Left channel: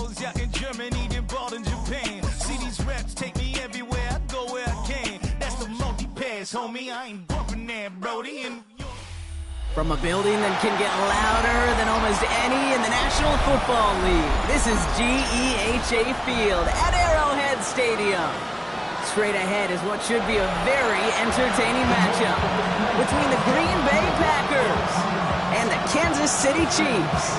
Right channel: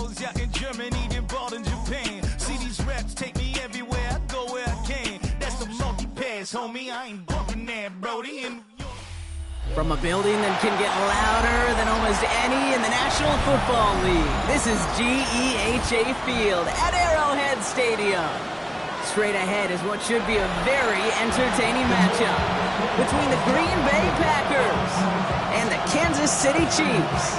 shows, yeah, in Germany, then bought in Japan. See these reps take me everywhere, I go where I can. That's the multi-pass, homie, I ain't bumping that, Brody. And from a building that can get louder than almost any in the National Football League, this is GEHA Field at Arrowhead Stadium. Straight ahead is what should be a very entertaining matchup between the Green Bay Packers and the Kansas City Chiefs.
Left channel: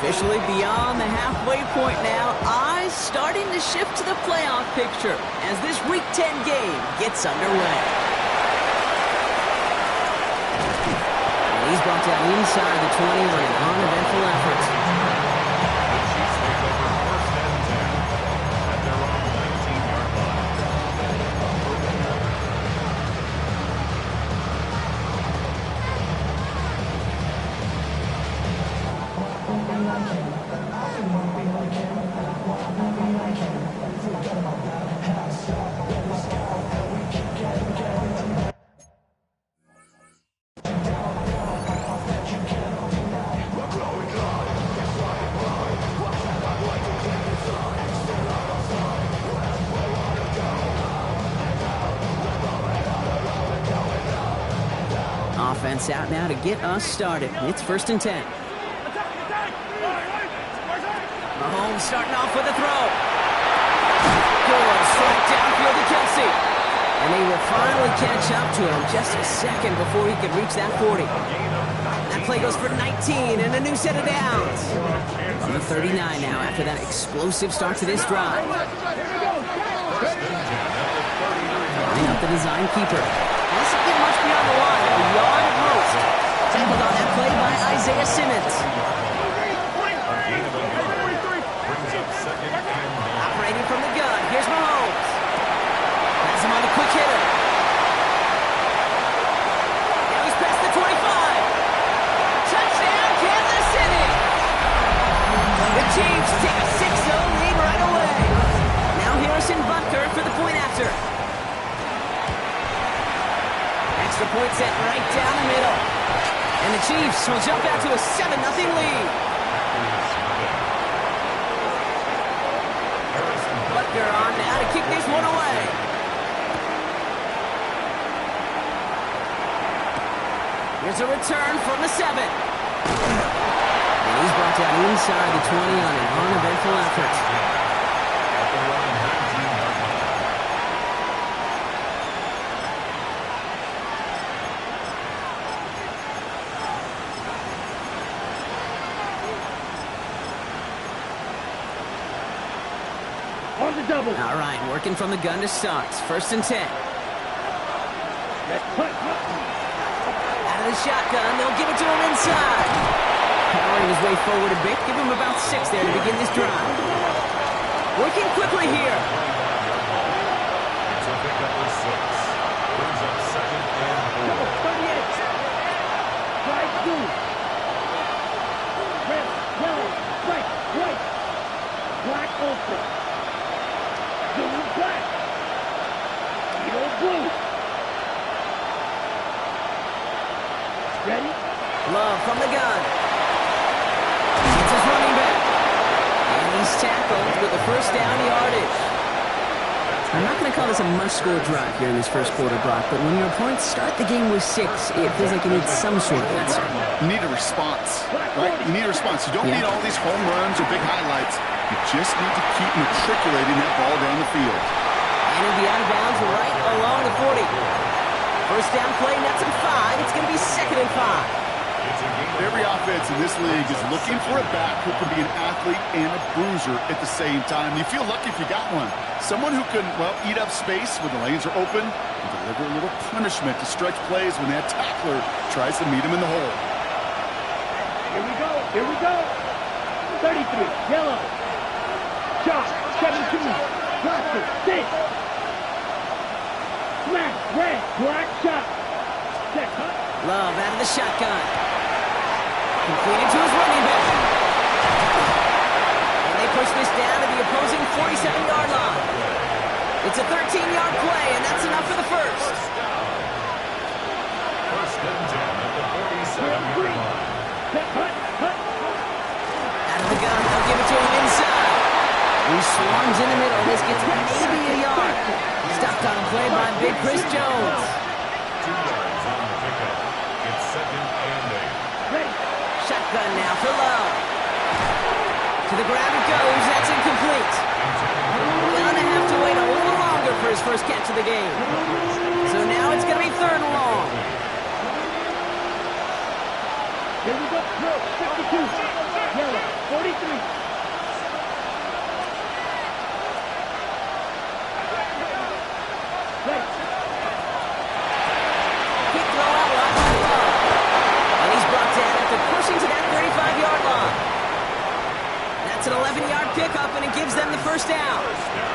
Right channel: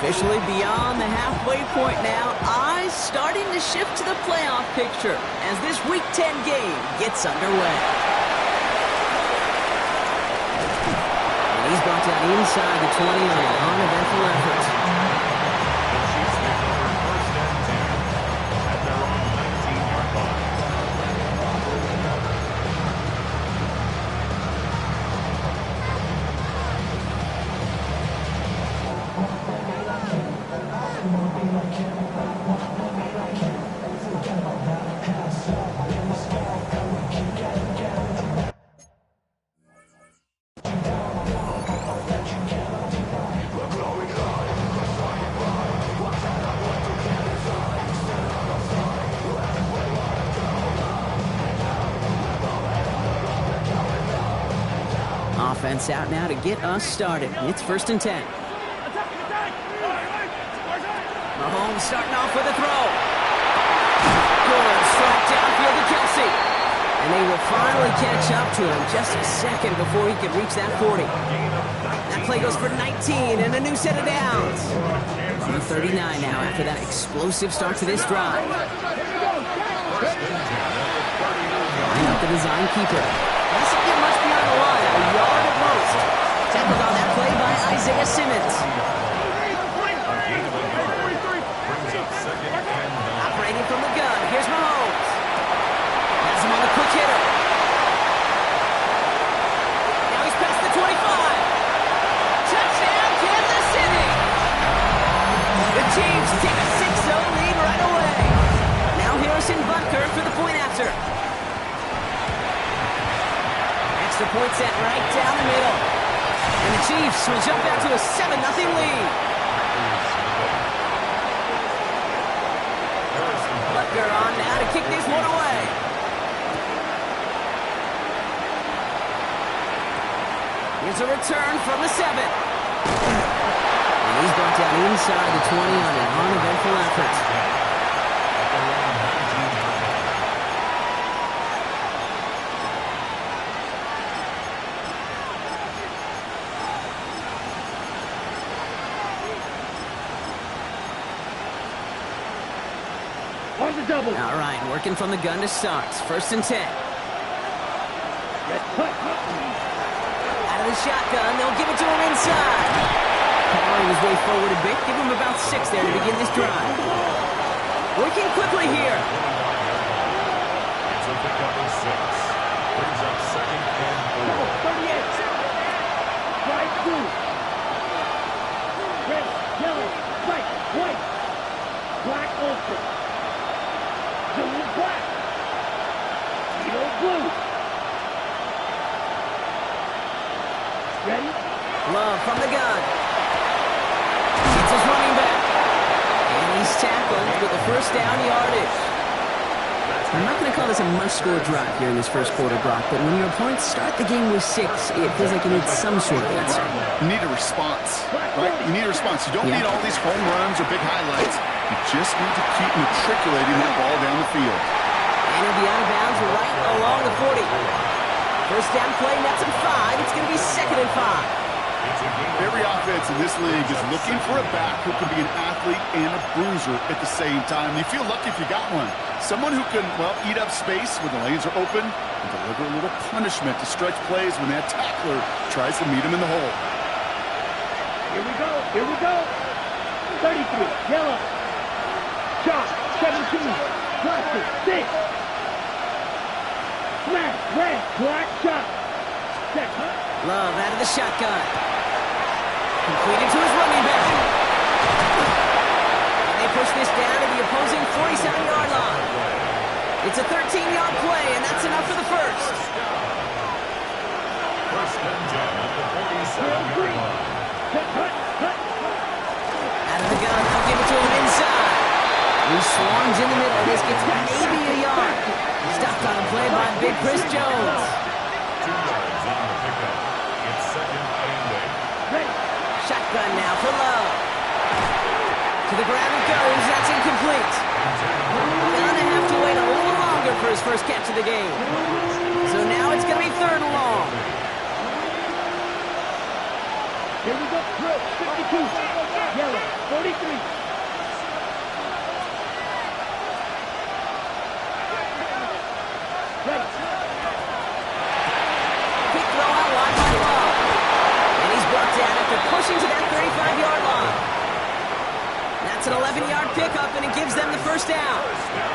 Officially beyond the halfway point now, eyes starting to shift to the playoff picture as this Week 10 game gets underway. And he's brought down inside the 20 on an uneventful effort. The Chiefs take over 1st and 10 at their own 19-yard line. Offense out now to get us started. It's 1st and 10. Mahomes starting off with a throw. Good strike downfield to Kelsey. And they will finally catch up to him just a second before he could reach that 40. That play goes for 19 and a new set of downs. On the 39 now after that explosive start to this drive. Line up the design keeper. Doesn't get much beyond the line, a yard at most. Tackled on that play by Isaiah Simmons. Operating from the gun, here's Mahomes. Has him on the quick hitter. Now he's past the 25. Touchdown, Kansas City! The Chiefs take a 6-0 lead right away. Now Harrison Butker for the point after. Extra point set right down the middle. And the Chiefs will jump out to a 7-0 lead. Butker on now to kick this one away. Here's a return from the 7. And he's brought down inside the 20 on an uneventful effort. All right, working from the gun to start. 1st and 10. Out of the shotgun, they'll give it to him inside. Powering his way forward a bit, give him about 6 there to begin this drive. Working quickly here. It's a pickup of 6. Brings up 2nd and 4. 38. Strike 2. Red, yellow, strike, white. Black ultra. Blue, black. Yellow, blue. Ready? Love from the gun. It's his running back. And he's tackled with the 1st down yardage. I'm not going to call this a must-score drive here in this first quarter, Brock, but when your opponents start the game with 6, it feels like you need some sort of answer. You need a response, right? You need a response. You don't need all these home runs or big highlights. You just need to keep matriculating that ball down the field. And he'll be out of bounds right along the 40. 1st down play, nets him 5. It's going to be 2nd and 5. Every offense in this league is looking for a back who can be an athlete and a bruiser at the same time. You feel lucky if you got one. Someone who can, well, eat up space when the lanes are open and deliver a little punishment to stretch plays when that tackler tries to meet him in the hole. Here we go. Here we go. 33. Yellow. Shot. 17. Roster. 6. Smash. Red. Black shot. Set. Love out of the shotgun. Completed to his running back. And they push this down to the opposing 47-yard line. It's a 13-yard play, and that's enough for the first. First and 10 at the 47-yard line. Out of the gun, they'll give it to him inside. He swarms in the middle. This gets maybe a yard. Stopped on a play by Big Chris Jones. 2 yards on the pickup. It's second and 8. Shotgun now for Love. To the ground it goes. That's incomplete. Gonna have to wait a little longer for his first catch of the game. So now it's gonna be third and long. Here we go. Throw. 52. Yellow. 43. Right. Quick throw out wide by Love. And he's brought down after pushing to that 35-yard line. That's an 11-yard pickup, and it gives them the first down.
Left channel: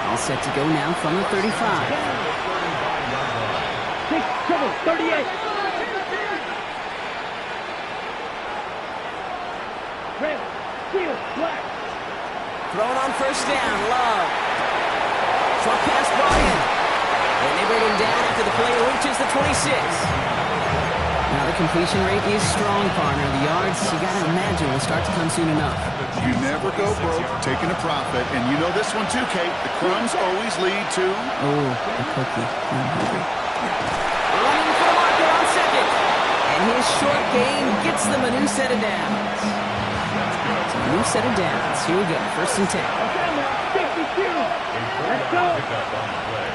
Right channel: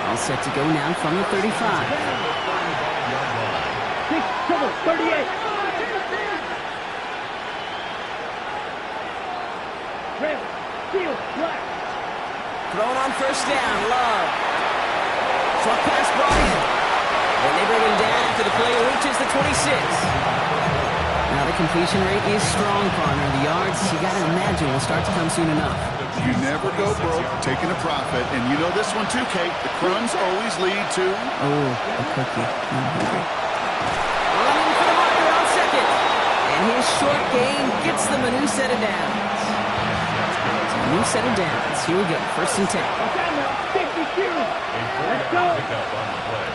All set to go now from the 35. 6, trouble. 38. Rail. Seal. Black. Thrown on first down, Love. Short pass brought in. And they bring him down after the play reaches the 26. Now the completion rate is strong, partner. The yards, you got to imagine, will start to come soon enough. You never go broke taking a profit, and you know this one too, Kate. The crumbs always lead to... Oh, the cookie. I'm hungry. Running for the marker on second. And his short gain gets them a new set of downs. So a new set of downs. Here we go. First and 10. Down now. 52. Let's go. Pickup on the play.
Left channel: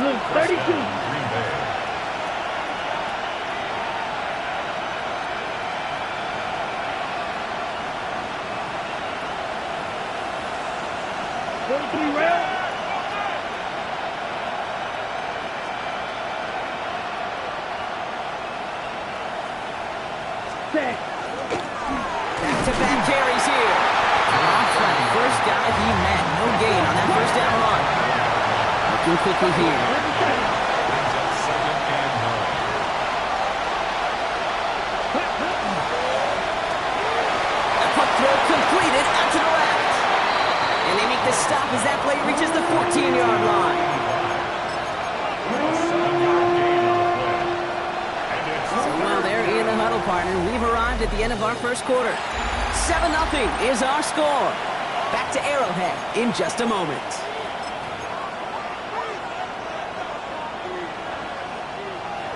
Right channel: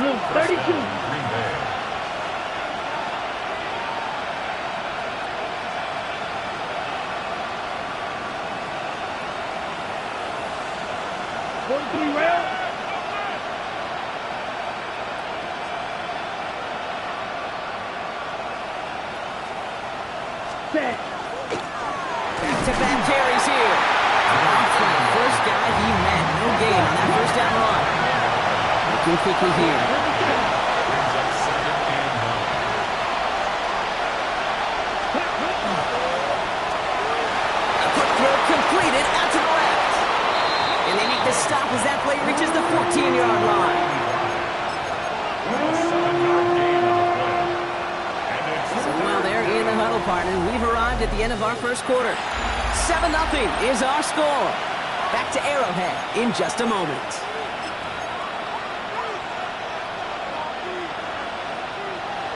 Blue. 32. Green Bay. Rail. Set. Back-to-back carries here. Rob Flat, first guy he met. No gain on that first down run. Looking quickly here. Brings up second and 9. A quick throw completed out to the left. And they make the stop as that play reaches the 14-yard line. A 7-yard gain on the play. And it's So while they're in the huddle, partner, we've arrived at the end of our first quarter. 7-0 is our score. Back to Arrowhead in just a moment.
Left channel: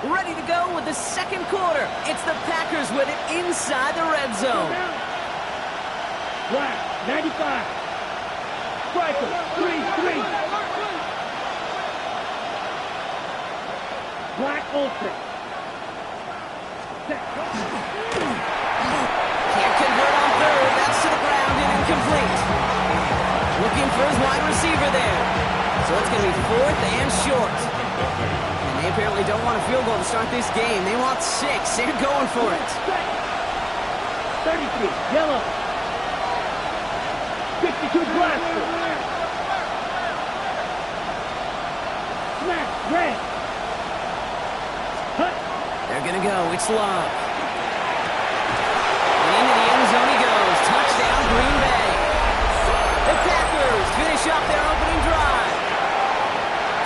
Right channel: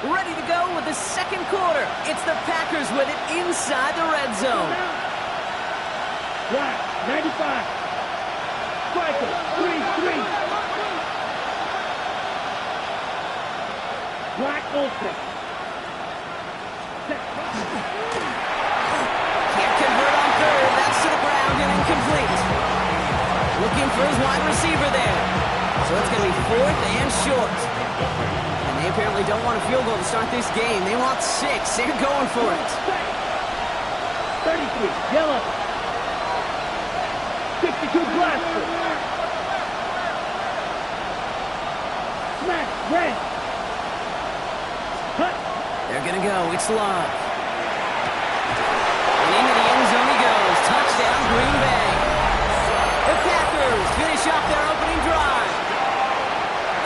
Ready to go with the second quarter. It's the Packers with it inside the red zone. Black. 95. Striker. 3-3. Black ultra. Can't convert on third. That's to the ground and incomplete. Looking for his wide receiver there. So it's going to be fourth and short. And they apparently don't want a field goal to start this game. They want 6. They're going for it. 33. Yellow. 52. Blaster. Smash. Red. Hut. They're going to go. It's Love. And into the end zone he goes. Touchdown, Green Bay. The Packers finish off their opening drive.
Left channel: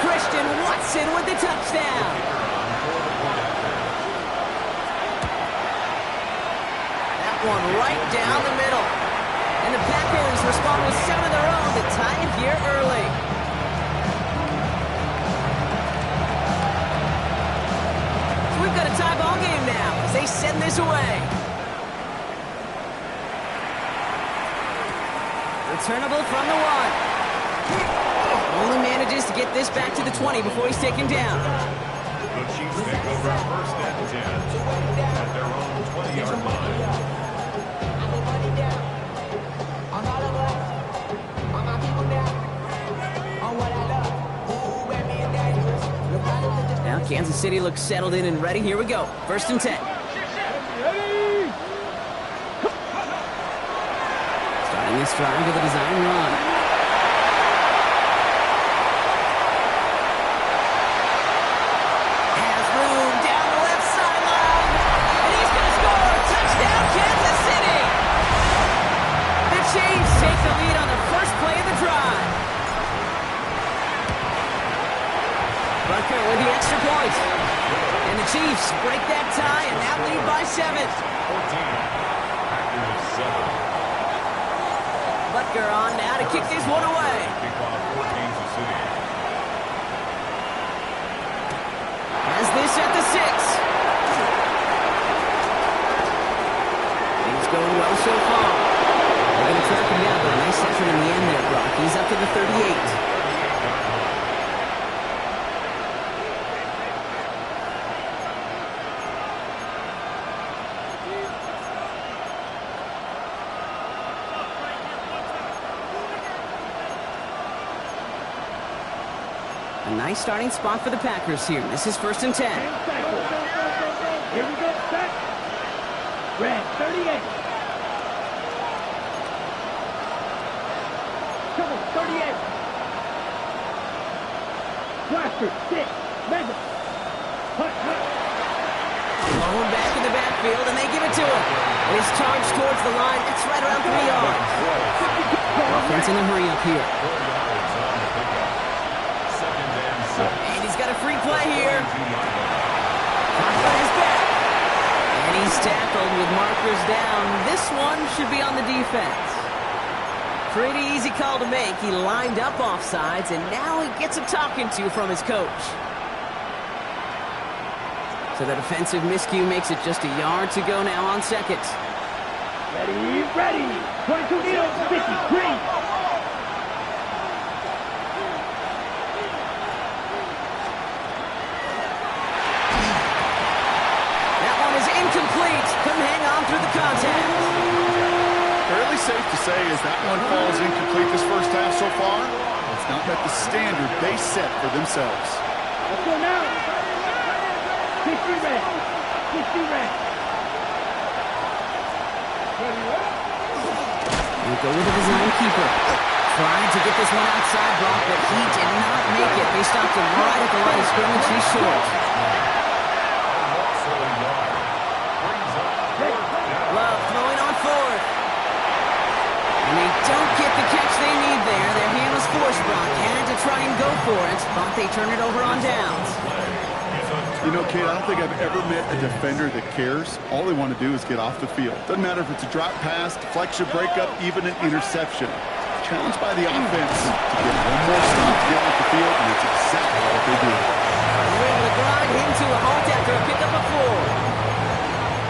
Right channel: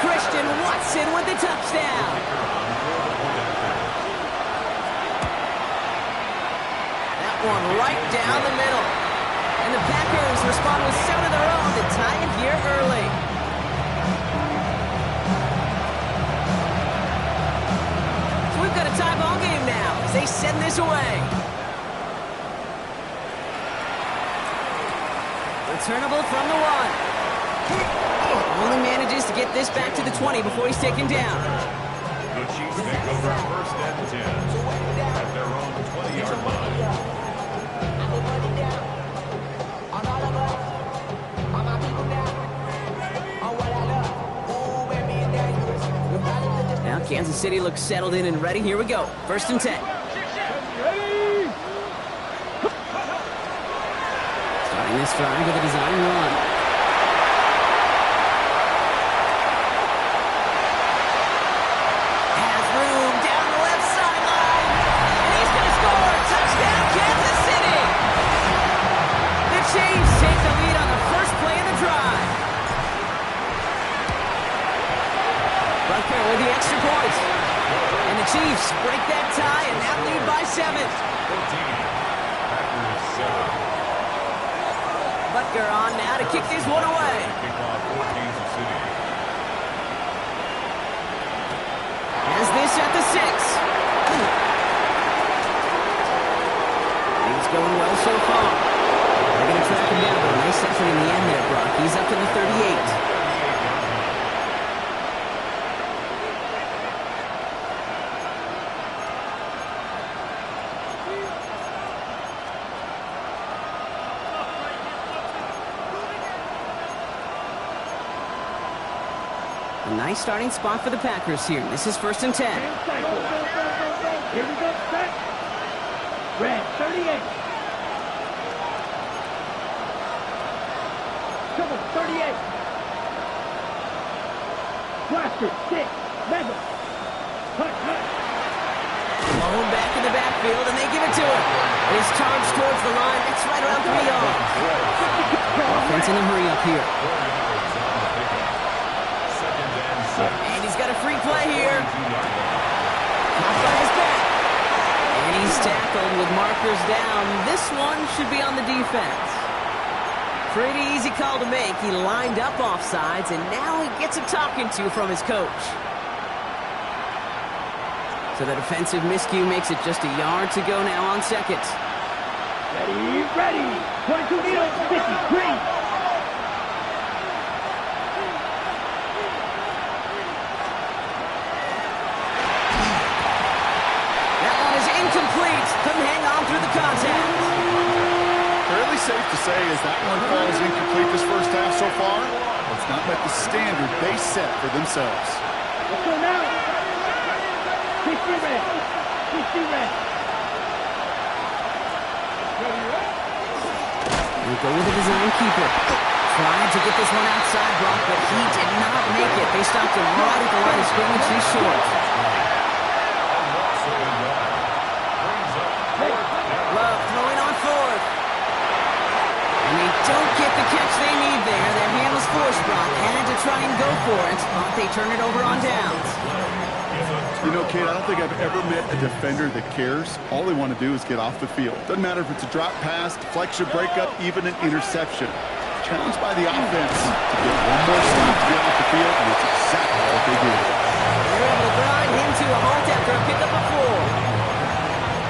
Christian Watson with the touchdown. That one right down the middle. And the Packers respond with 7 of their own to tie it here early. So we've got a tie ball game now as they send this away. Returnable from the 1. Only manages to get this back to the 20 before he's taken down. The Chiefs take over first and 10 at their own 20-yard line. Now Kansas City looks settled in and ready. Here we go. First and 10. Starting this drive with a design run. Has room down the left sideline. And he's going to score. Touchdown, Kansas City. Butker with the extra point. And the Chiefs break that tie and now lead by 7. 14. Packers 7. Butker on now to kick this one away. Kickoff for Kansas City. Has this at the 6. Things going well so far. They're going to track him down, but a nice effort in the end there, Brock. He's up to the 38. A nice starting spot for the Packers here. This is 1st and 10. Here we go, set. Red, 38. Trouble, 38. Blaster, 6. Mega. Hut. Blown back in the backfield, and they give it to him. It is charged towards the line. That's right around 3 yards. Offense in a hurry up here. 4 yards on the pickup. 2nd and 6. And he's got a free play here. Caught by his back. And he's tackled with markers down. This one should be on the defense. Pretty easy call to make. He lined up offsides, and now he gets a talking to from his coach. So the defensive miscue makes it just a yard to go now on 2nd. Ready. 22 needles, 53. That one is incomplete. Couldn't hang on through the contact. Fairly safe to say as that one falls incomplete this first half so far, it's not met the standard they set for themselves. Let's go now. 50 red. 50 red. We go with the design keeper. Tried to get this one outside, Brock, but he did not make it. They stopped him right at the line of scrimmage. He's short. Love throwing on 4th. And they don't get the catch they need there. Their hand was forced, Brock. Had to try and go for it, but they turn it over on downs. You know, Kate, I don't think I've ever met a defender that cares. All they want to do is get off the field. Doesn't matter if it's a drop pass, deflection, breakup, even an interception. Challenged by the offense to get one more stop to get off the field, and that's exactly what they did. They're able to grind him to a halt after a pickup of 4.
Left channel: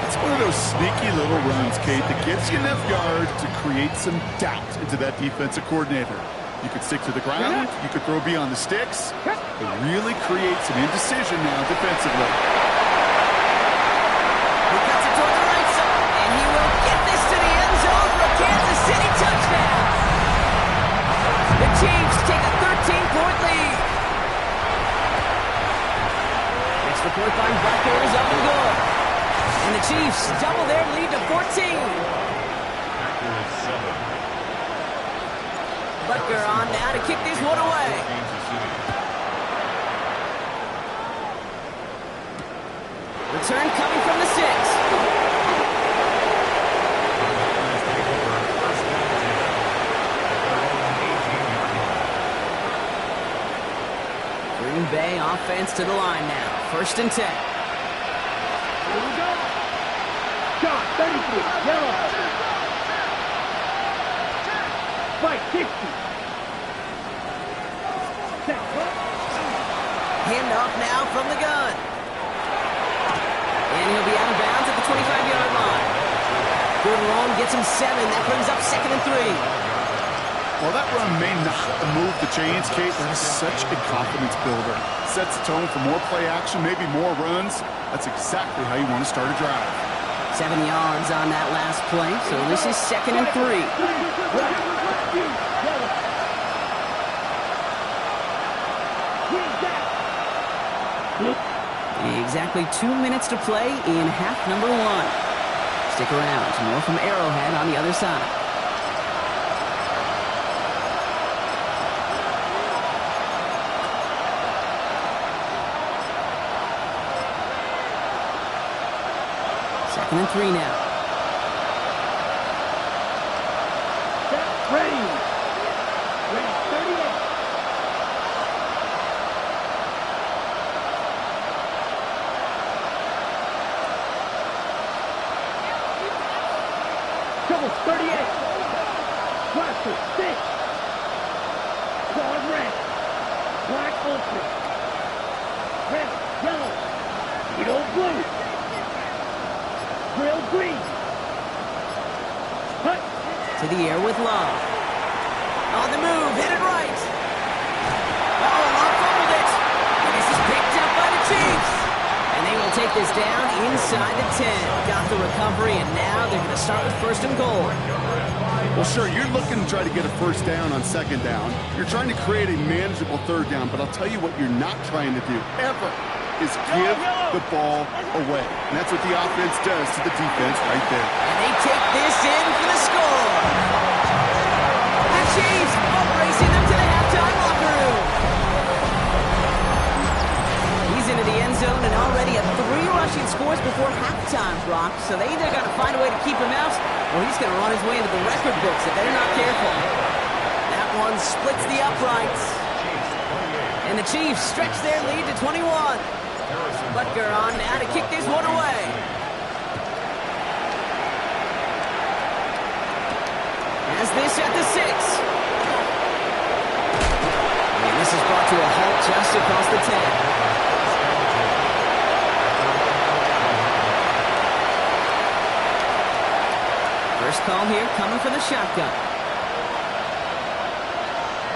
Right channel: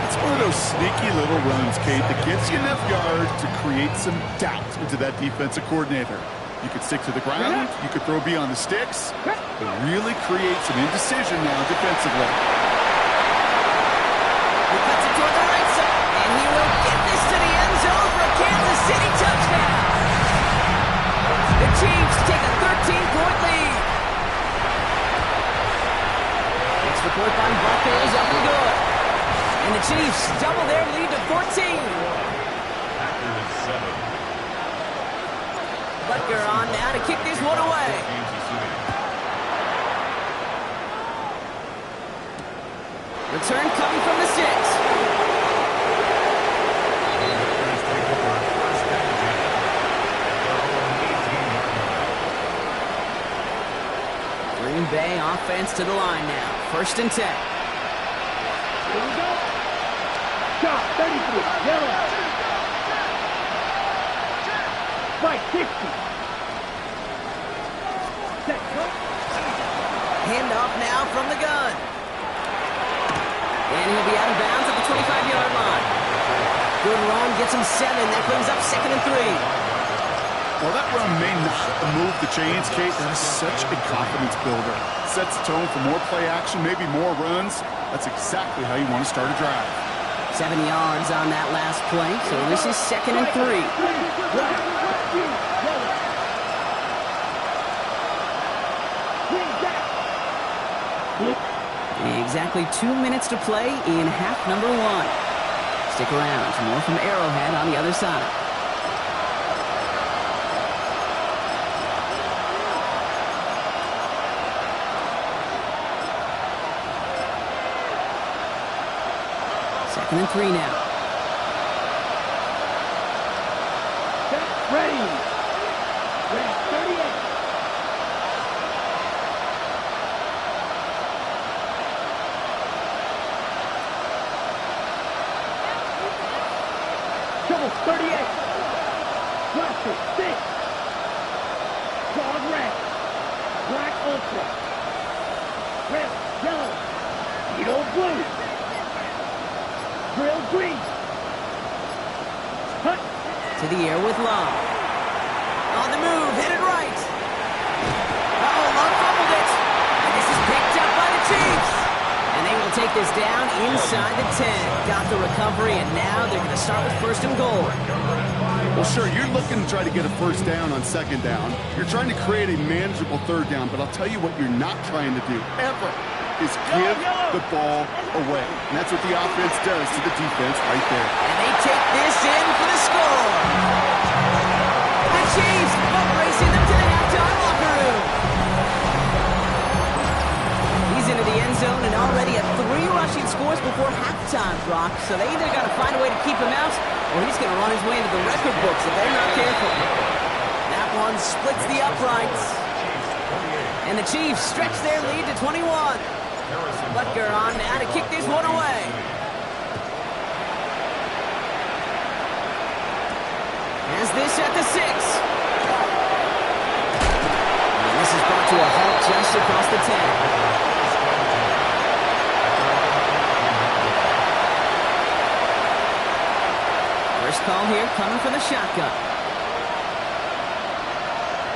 It's one of those sneaky little runs, Kate, that gets you enough yards to create some doubt into that defensive coordinator. You could stick to the ground, you could throw beyond the sticks, but really create some indecision now defensively. He cuts it toward the right side, and he will get this to the end zone for a Kansas City touchdown. The Chiefs take a 13-point lead. Extra point by Butker is up and good. And the Chiefs double their lead to 14. Packers 7. Butker on now to kick this one away. Kansas City. Return coming from the 6. Packers take over 1st and 10 at their own 18-yard line. Green Bay offense to the line now. 1st and 10. Here we go. Shot, 33. Yellow. Spike, 60. Set. Handoff now from the gun. And he'll be out of bounds at the 25-yard line. Good run, gets him 7. That brings up 2nd and 3. While that run may not move the chains, Kate, that is such a confidence builder. Sets the tone for more play action, maybe more runs. That's exactly how you want to start a drive. 7 yards on that last play, so this is 2nd and 3. Exactly 2 minutes to play in half number 1. Stick around, more from Arrowhead on the other side. Second and 3 now. Set, ready. Ready, 38. 38. Blaster, 6. Claws red. Black ultra. Red, yellow. Beetle blue. Drill green. Hut. To the air with Love. On the move, headed right. Uh-oh, Love fumbled it. And this is picked up by the Chiefs. And they will take this down inside the 10. Got the recovery, and now they're going to start with 1st and goal. Well, sure, you're looking to try to get a 1st down on 2nd down. You're trying to create a manageable 3rd down, but I'll tell you what you're not trying to do, ever, is give the ball away. And that's what the offense does to the defense right there. And they take this in for the score. The Chiefs are racing them to the halftime locker room. He's into the end zone and already at 3 rushing scores before halftime, Brock. So they either got to find a way to keep him out, or he's going to run his way into the record books if they're not careful. That one splits the uprights. And the Chiefs stretch their lead to 21. Butker on now to kick this one away. Has this at the 6. And this is brought to a halt just across the 10. First call here coming from the shotgun.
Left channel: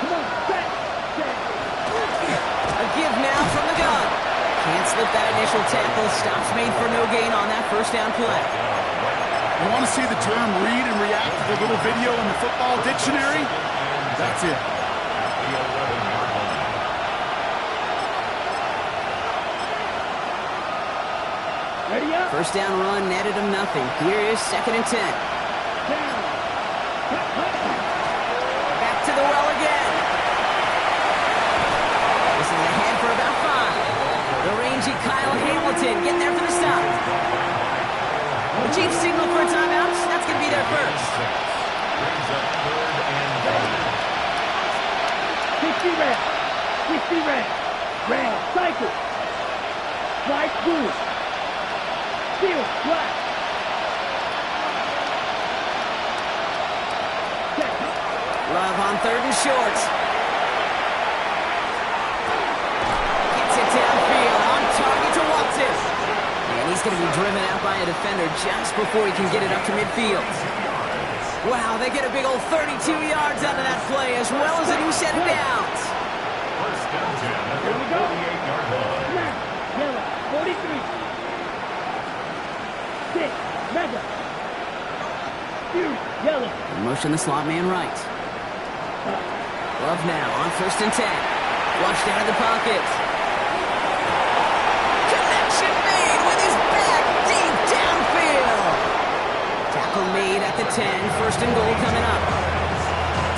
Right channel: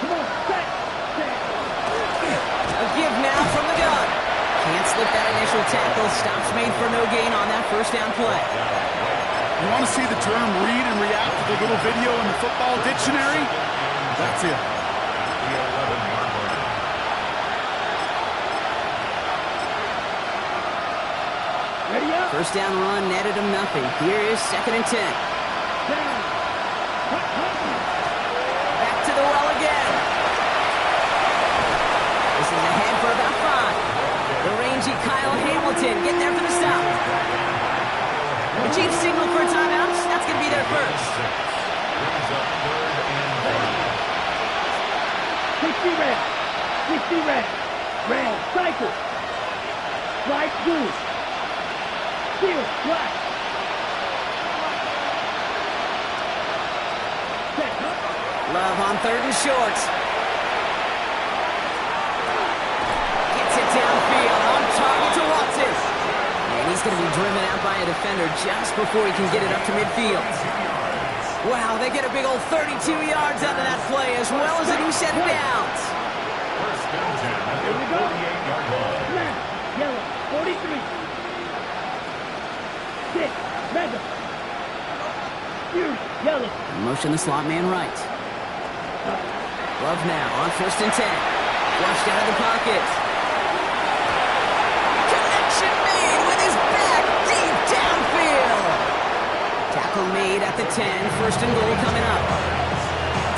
Come on, set. A give now from the gun. Can't slip that initial tackle. Stops made for no gain on that 1st down play. You want to see the term read and react with a little video in the football dictionary? That's it. At the 11-yard line. Ready up. 1st down run netted him nothing. Here is 2nd and 10. Down. Hut. Back to the well again. This is ahead for about 5. The rangy Kyle Hamilton getting there for the stop. The Chiefs signal for a timeout. That's going to be their first. Brings up 3rd and goal. 60 red. 60 red. Red. Cycle. Bright blue. Steel. Black. Set. Love on 3rd and short. Gets it downfield. On target to Watson. And he's going to be driven out by a defender just before he can get it up to midfield. Wow, they get a big old 32 yards out of that play, as well as a new set of downs. 1st and 10 at the Here we go. 48-yard line. Black. Yellow. 43. 6. Mega. Fury. Yellow. Motion the slot man right. Love now on 1st and 10. Flushed out of the pocket. Connection made with his back deep downfield. Tackle made at the 10. 1st and goal coming up.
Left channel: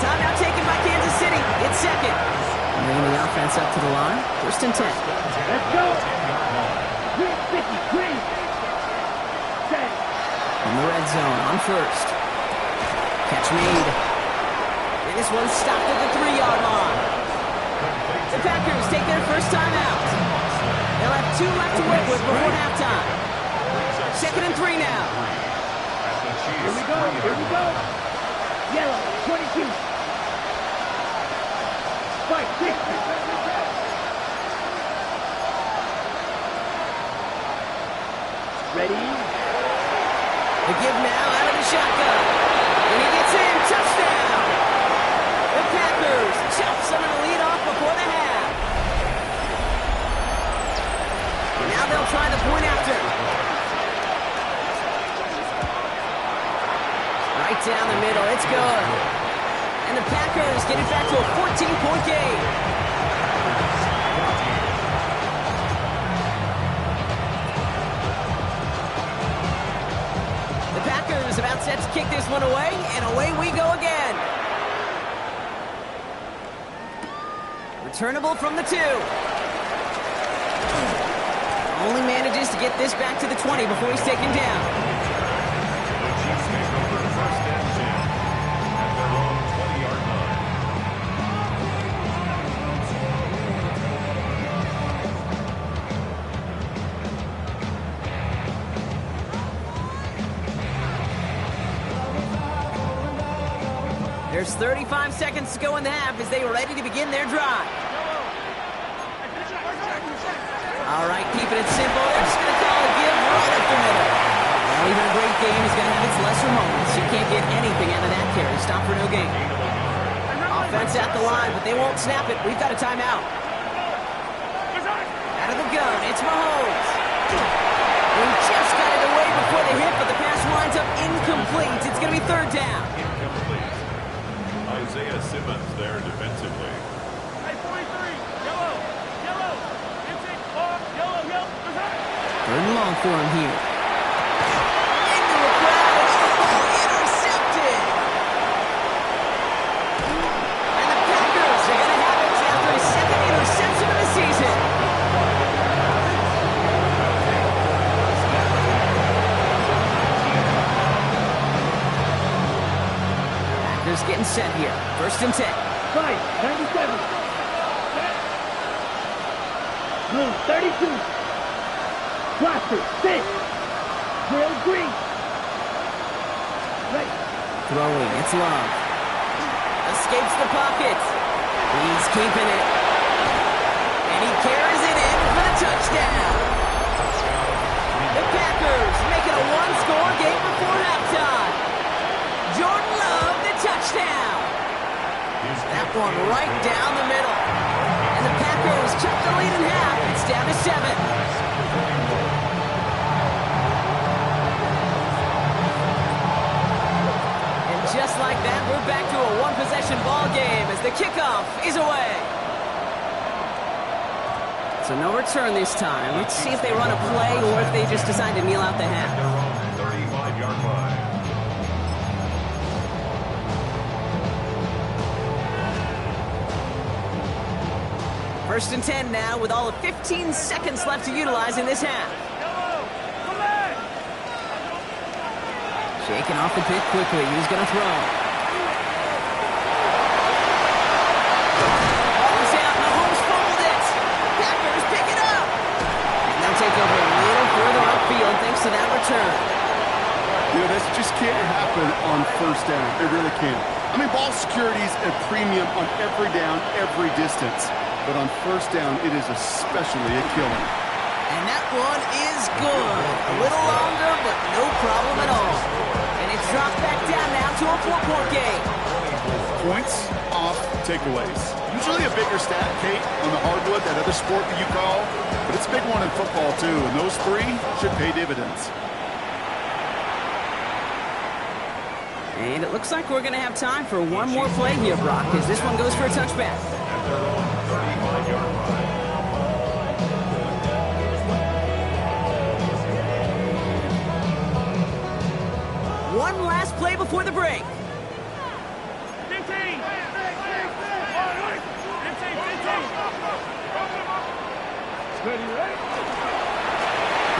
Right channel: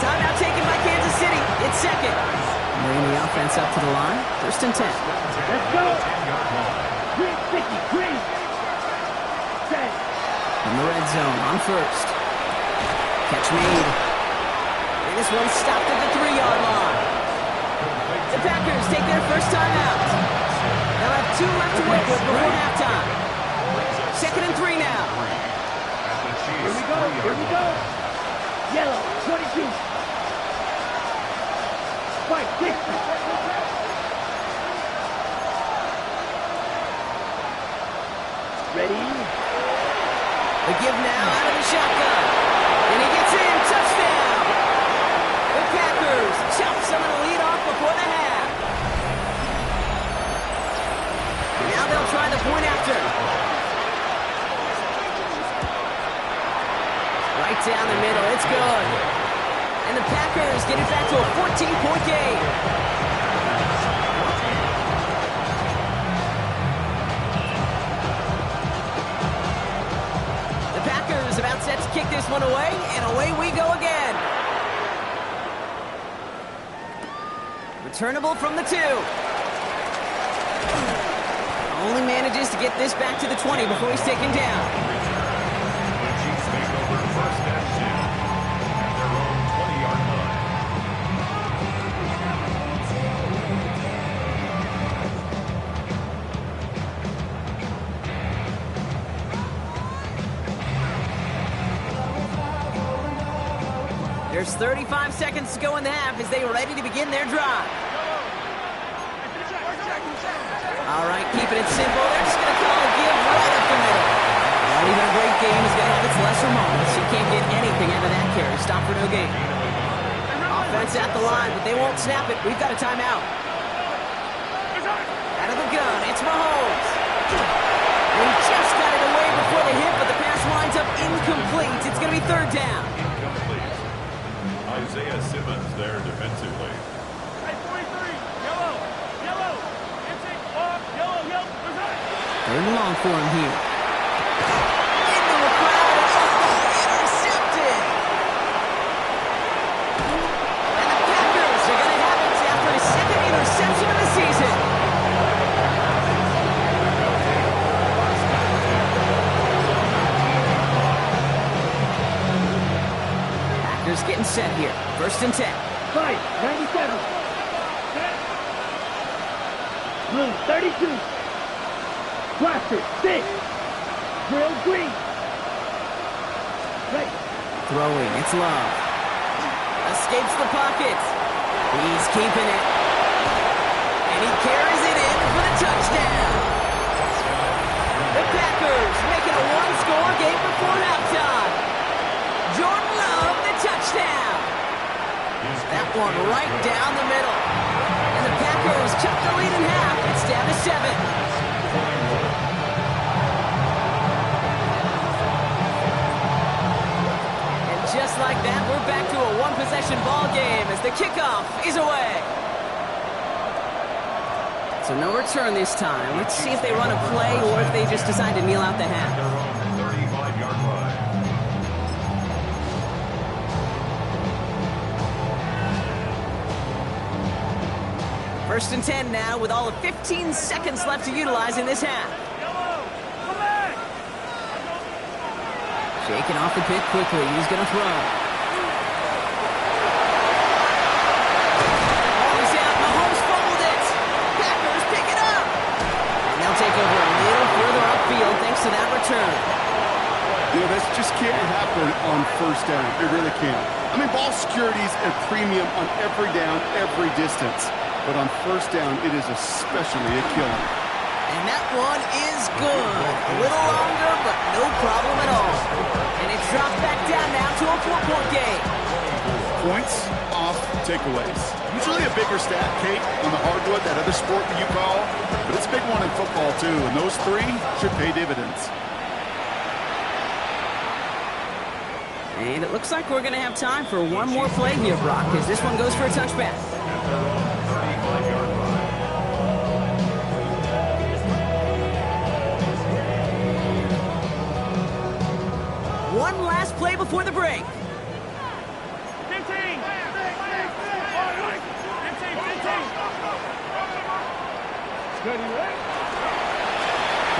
Timeout taken by Kansas City. It's 2nd. Bringing the offense up to the line. 1st and 10. Let's go. 10-yard line. Green 50. Green. Set. From the red zone on 1st. Catch made. And this one stopped at the 3-yard line. The Packers take their first time out. They'll have 2 left to work with before halftime. 2nd and 3 now. Here we go. Here we go. Yellow. 22. Spike. 60. Ready? The give now out of the shotgun. And he gets in. Touchdown. The Packers chop some of the lead off before the half. And now they'll try the point after. Right down the middle. It's good. And the Packers get it back to a 14-point game. The Packers about set to kick this one away, and away we go again. Returnable from the 2. Only manages to get this back to the 20 before he's taken down. The Chiefs take over 1st and 10 at their own 20-yard line. There's 35 seconds to go in the half as they are ready to begin their drive. All right, keeping it simple. They're just going to call a give right up the middle. Well, even a great game is going to have its lesser moments. You can't get anything out of that carry. Stop for no gain. Offense at the line, but they won't snap it. We've got a timeout. Out of the gun, it's Mahomes. He just got it away before the hit, but the pass winds up incomplete. It's going to be third down. Incomplete. Isaiah Simmons there defensively. Hey, 43, yellow, yellow, intake, yellow, yellow, Third and long for him here. Into a crowd, and intercepted. And the Packers are going to have it after his second interception of the season. Packers getting set here. First and 10. 5, 97. Blue, 32. Blaster, 6. Drill, green. Ready. Throwing, it's Love. Escapes the pocket. He's keeping it. And he carries it in for the touchdown. The Packers making a one-score game before halftime. Jordan Love, the touchdown. That one right down the middle. And the Packers cut the lead in half. It's down to 7. Just like that, we're back to a one-possession ball game as the kickoff is away. So no return this time. Let's see if they run a play or if they just decide to kneel out the half. Their own 35-yard line. First and 10 now with all of 15 seconds left to utilize in this half. Shaking off the pit quickly. He's going to throw. Ball's out. Mahomes fumbled it. Packers pick it up. And they'll take over a little further upfield thanks to that return. You know, this just can't happen on first down. It really can't. I mean, ball security's a premium on every down, every distance. But on first down, it is especially a killing. And that one is good. A little longer, but no problem at all. And it's dropped back down now to a 4-point game. Points off takeaways. Usually a bigger stat, Kate, on the hardwood, that other sport that you call. But it's a big one in football, too. And those 3 should pay dividends. And it looks like we're going to have time for one more play here, Brock, as this one goes for a touchback. At their own 35-yard line. One last play before the break. 15. 15.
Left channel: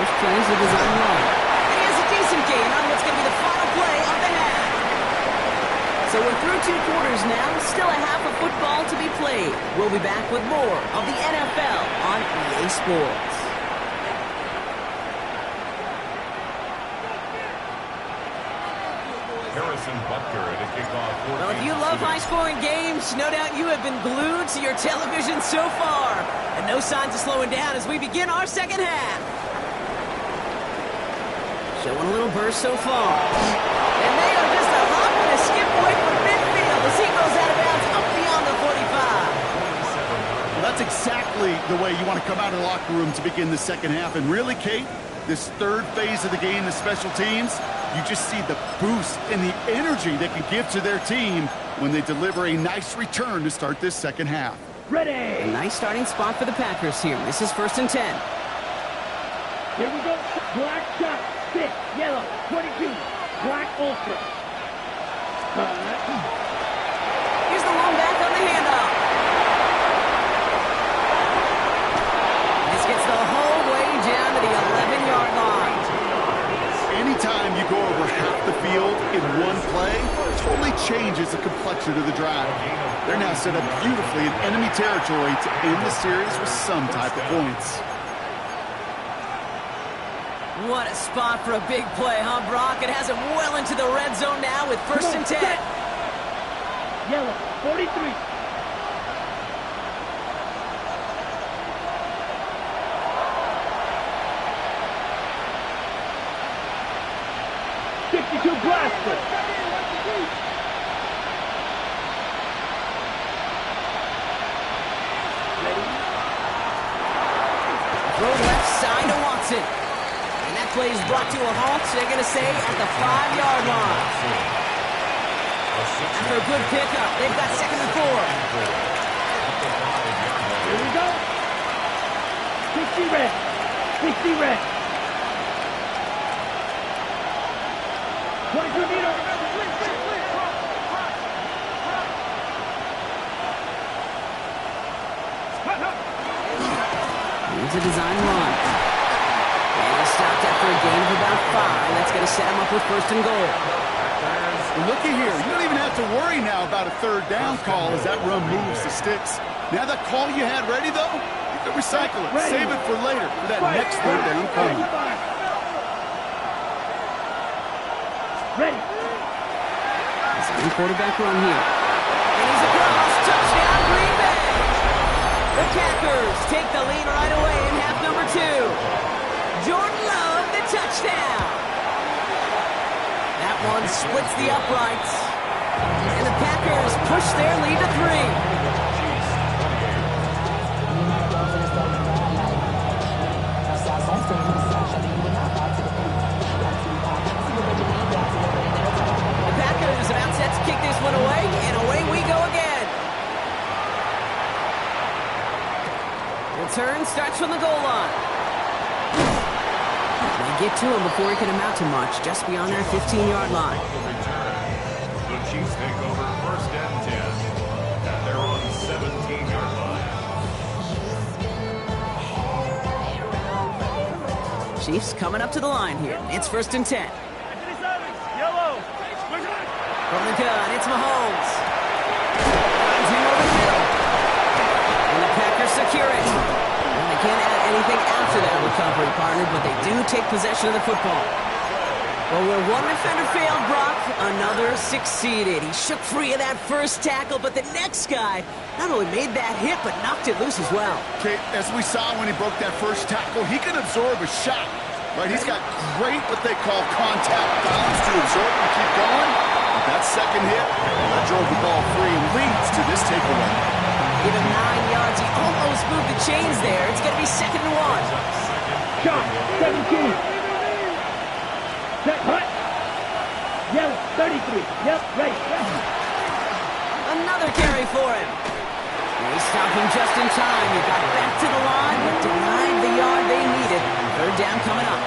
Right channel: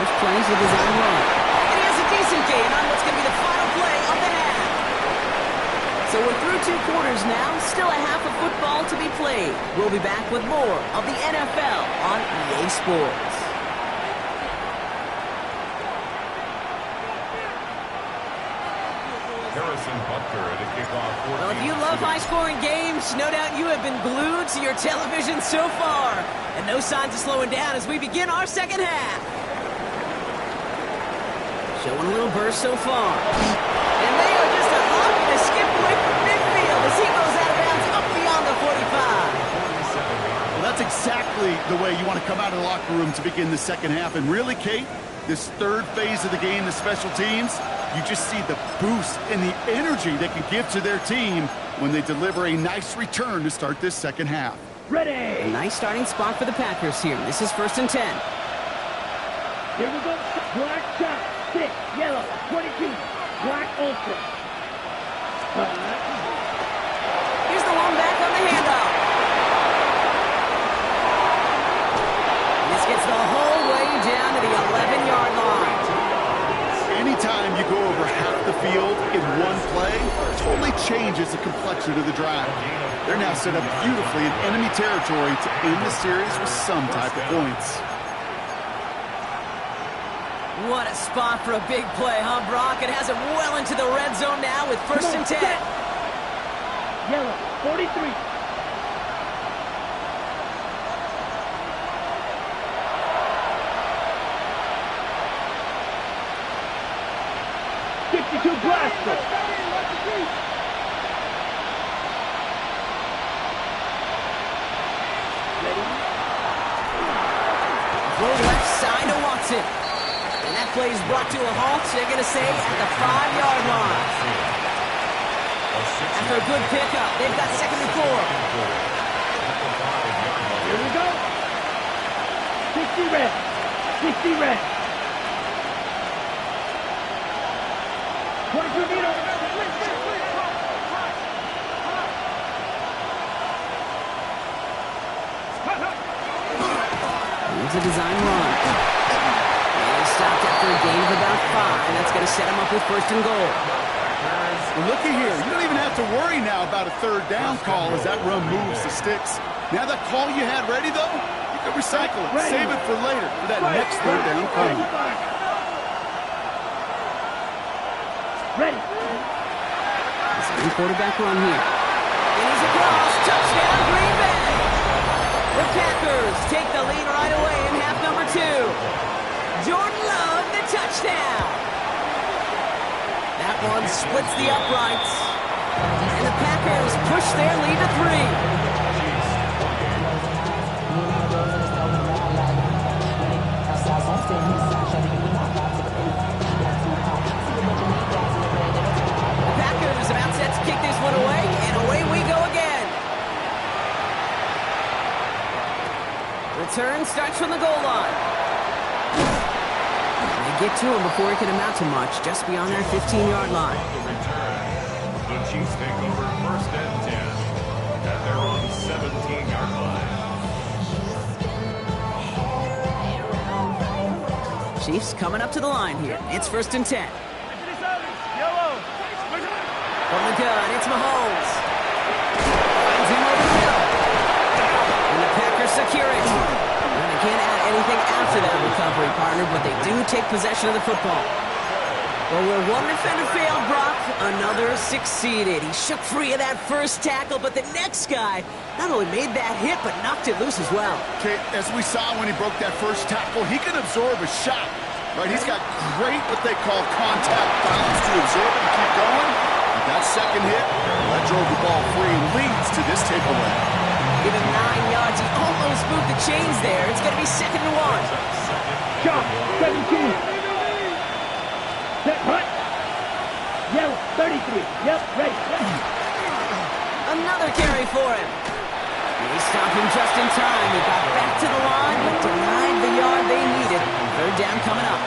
First play is the design run. And he has a decent gain on what's going to be the final play of the half. So we're through 2 quarters now. Still a half of football to be played. We'll be back with more of the NFL on EA Sports. Harrison Butker at a kickoff. Well, if you love high-scoring games, no doubt you have been glued to your television so far. And no signs of slowing down as we begin our second half. Showing a little burst so far. And they are just a hop and a skip away from midfield as he goes out of bounds up beyond the 45. Well, that's exactly the way you want to come out of the locker room to begin the second half. And really, Kate, this third phase of the game, the special teams, you just see the boost and the energy they can give to their team when they deliver a nice return to start this second half. Ready. A nice starting spot for the Packers here. This is first and 10. Here we go. Black shot. 6. Yellow. 22. Black ultra. Here's the long back on the handoff. This gets the whole way down to the 11-yard line. Anytime you go over half the field in one play, it totally changes the complexion of the drive. They're now set up beautifully in enemy territory to end the series with some type of points. What a spot for a big play, huh, Brock? It has it well into the red zone now with first and 10. yellow, 43. Blaster. Throw left side to Watson. And that play is brought to a halt, they're going to say, at the 5-yard line. After a good pickup, they've got 2nd and 4. Here we go. 60 red. 60 red. 22 meter. Here's a design run. And he stopped after a gain of about 5. That's going to set him up with 1st and goal. Well, looky here. You don't even have to worry now about a 3rd down call as that run moves the sticks. Now that call you had ready, though, you can recycle it. Save it for later, for that next 3rd down coming. Ready. Second quarterback run here. And he's across. Touchdown, Green Bay. The Packers take the lead right away in half number 2. Jordan Love, the touchdown. That one splits the uprights. And the Packers push their lead to 3. The Packers about set to kick this one away, and away we go again. Return starts from the goal line. They get to him before he can amount to much, just beyond their 15-yard line. On the return, the Chiefs take over 1st and 10 at their own 17-yard line. Chiefs coming up to the line here. It's 1st and 10. From the gun, it's Mahomes. Finds him over the middle. And the Packers secure it. And they can't add anything after that recovery, partner, but they do take possession of the football. Well, where one defender failed, Brock, another succeeded. He shook free of that first tackle, but the next guy not only made that hit, but knocked it loose as well. Okay, as we saw when he broke that first tackle, he can absorb a shot, right? He's got great, what they call contact balance to absorb it and keep going. But that second hit, that drove the ball free and leads to this takeaway. Give him 9 yards. He almost moved the chains there. It's going to be 2nd and 1. Shot, 17. Set, hut. Yellow, 33. Yep, ready. Another carry for him. They stopped him just in time. He got back to the line, but denied the yard they needed. 3rd down coming up.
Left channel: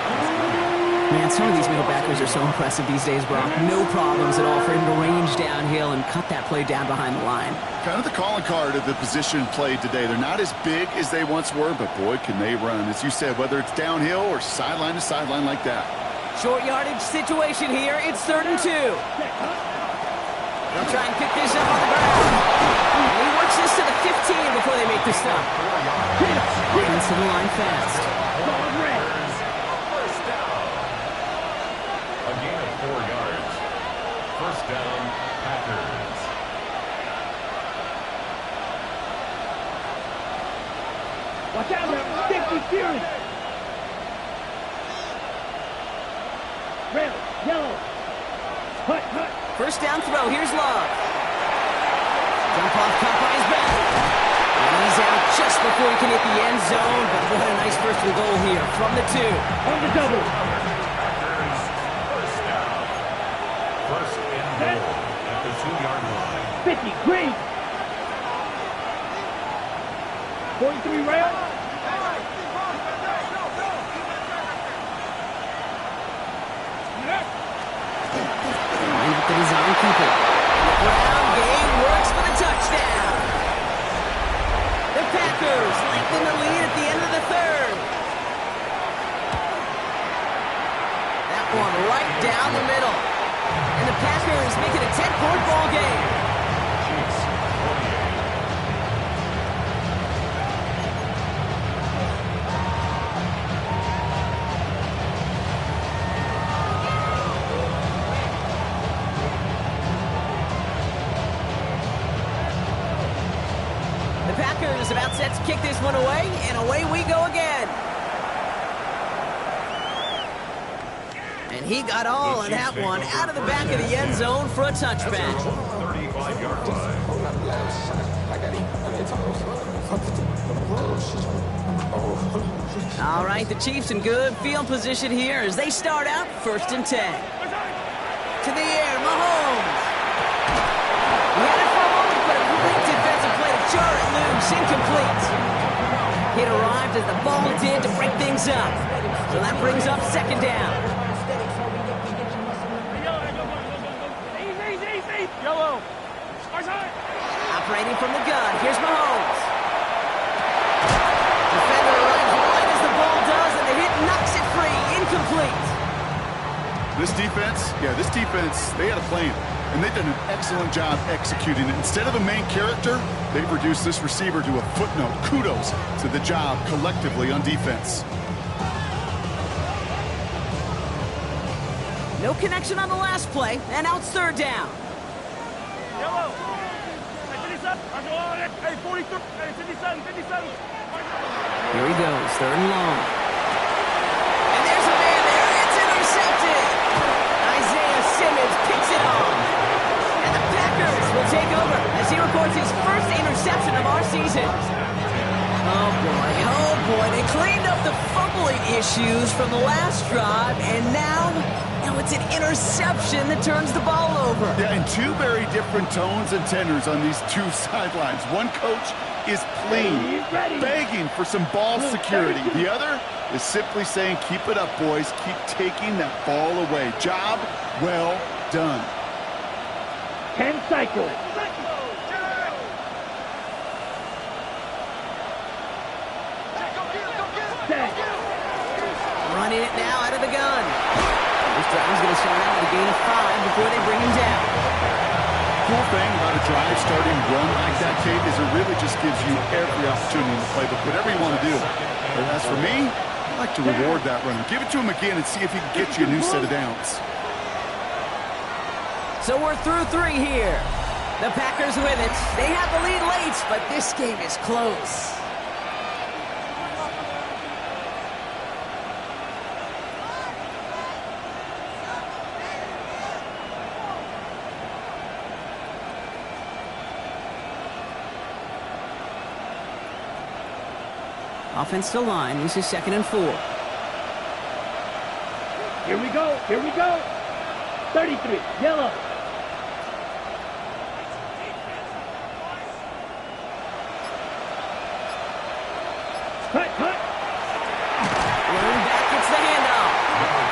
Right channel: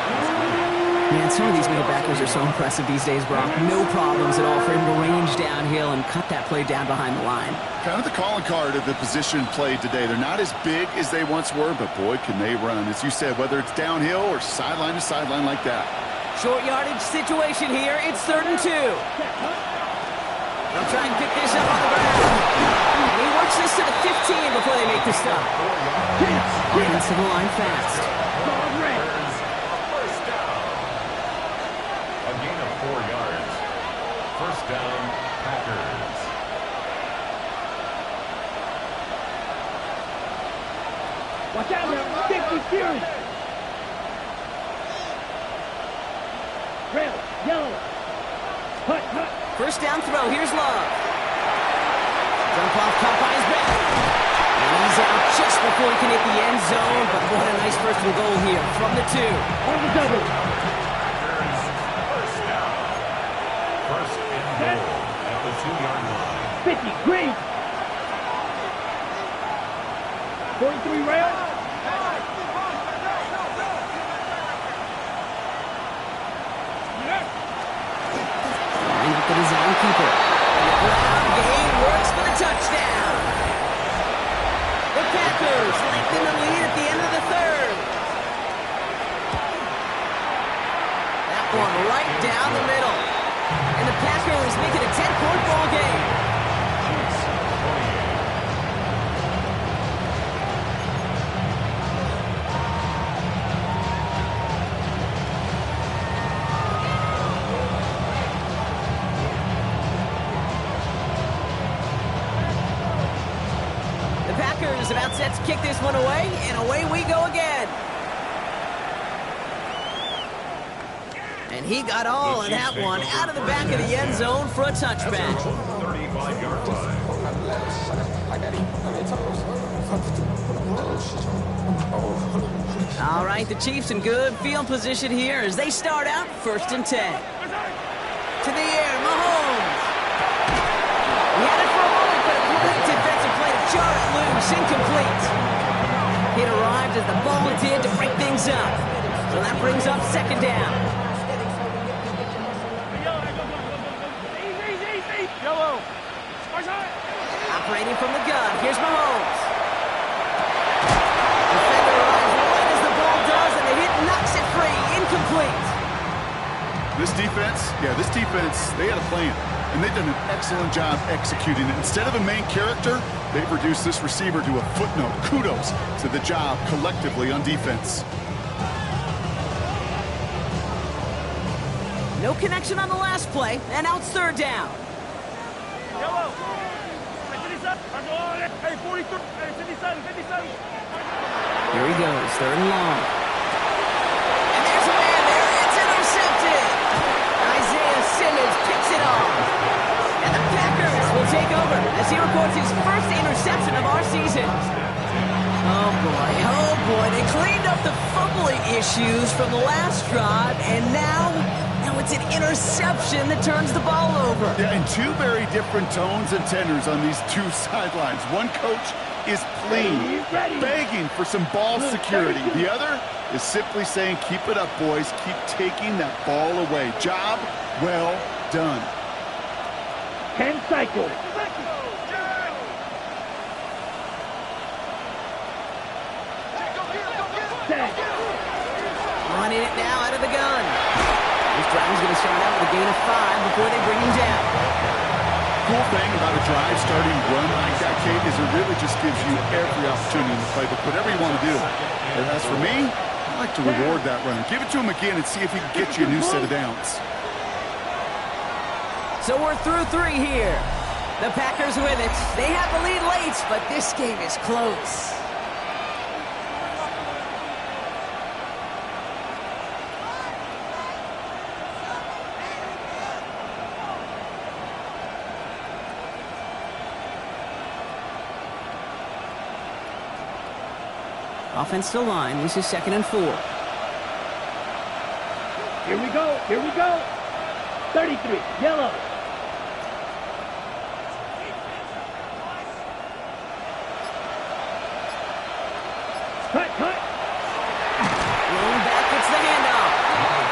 Man, some of these middle backers are so impressive these days, Brock. No problems at all for him to range downhill and cut that play down behind the line. Kind of the calling card of the position played today. They're not as big as they once were, but boy, can they run. As you said, whether it's downhill or sideline to sideline like that. Short yardage situation here. It's 3rd and 2. They'll try and pick this up on the ground. And he works this to the 15 before they make the stop. Offense to the line fast. First down. A gain of 4 yards. 1st down, Packers. Watch out now. 50 Fury. Red, yellow. Hut, hut. 1st down throw. Here's Love. Jump off, caught by his back. And he's out just before he can hit the end zone. But what a nice 1st and goal here from the 2. On the double. Packers, 1st down. 1st and goal at the 2-yard line. 50, green. 43 rail. Line up the design keeper. And the ground game works for the touchdown. The Packers lengthen the lead at the end of the 3rd. That one right down the middle. And the Packers make it a 10-point ball game. Chiefs, 28. The Packers about set to kick this one away, and away we go again. And he got all of that one out of the back of the end zone for a touchback. 35-yard line. All right, the Chiefs in good field position here as they start out 1st and 10. To the air, Mahomes. He had it for a moment, but a great defensive play to jar it loose, incomplete. It arrived as the ball did to break things up. So that brings up 2nd down. Yellow. Operating from the gun, here's Mahomes. Defender arrives right as the ball does, and the hit knocks it free. Incomplete. This defense, they had a plan, and they've done an excellent job executing it. Instead of a main character, they've reduced this receiver to a footnote. Kudos to the job collectively on defense. No connection on the last play, and now it's 3rd down. Yellow. Hey, 43. Hey, 57. Here he goes, 3rd and long. And there's a man there. It's intercepted. Isaiah Simmons picks it off. And the Packers will take over as he records his first interception of our season. Oh boy, they cleaned up the fumbling issues from the last drive, and now it's an interception that turns the ball over. Yeah, and two very different tones and tenors on these two sidelines. One coach is pleading, begging for some ball security. The other is simply saying, keep it up, boys. Keep taking that ball away. Job well done. 10 cycles. Running it now out of the gun. This drive's going to start out with a gain of 5 before they bring him down. Cool thing about a drive starting run like that, Kate, is it really just gives you every opportunity in the playbook, whatever you want to do. But as for me, I like to reward that runner. Give it to him again and see if he can get you a new set of downs. So we're through 3 here. The Packers with it. They have the lead late, but this game is close. Offense to line. This is 2nd and 4. Here we go. 33. Yellow. Cut. Rolling back gets the handoff.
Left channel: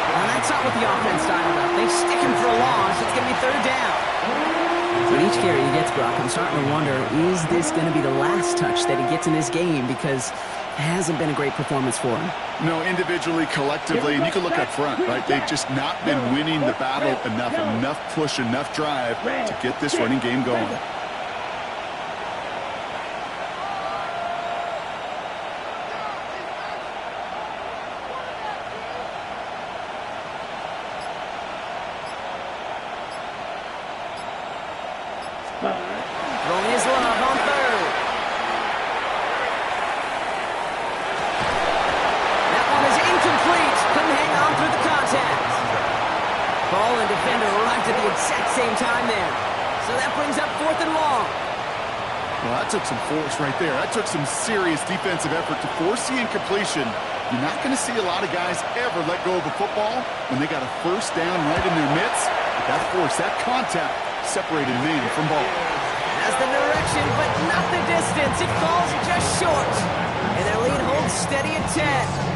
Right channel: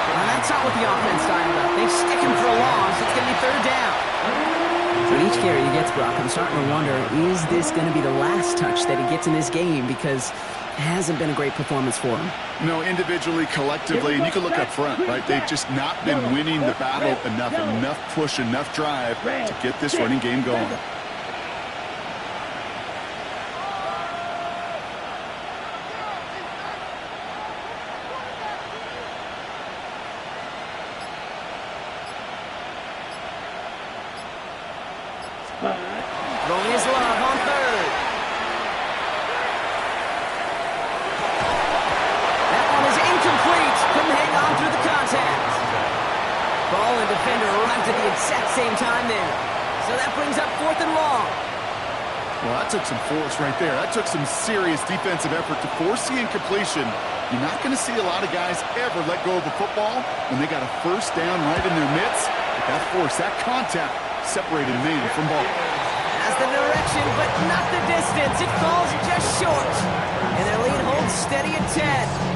Well, that's not what the offense dialed up. They stick him for a loss. It's going to be 3rd down. With each carry he gets, Brock, I'm starting to wonder, is this going to be the last touch that he gets in this game? Because it hasn't been a great performance for him. No, individually, collectively, and you can look up front, right? They've just not been winning the battle enough push, enough drive to get this running game going. Throwing his love on 3rd. That one is incomplete. Couldn't hang on through the contact. Ball and defender arrived at the exact same time there. So that brings up 4th and long. Well, that took some force right there. That took some serious defensive effort to force the incompletion. You're not going to see a lot of guys ever let go of a football when they got a 1st down right in their midst. But that force, that contact, separated man from ball. Has the direction, but not the distance. It falls just short. And their lead holds steady at 10.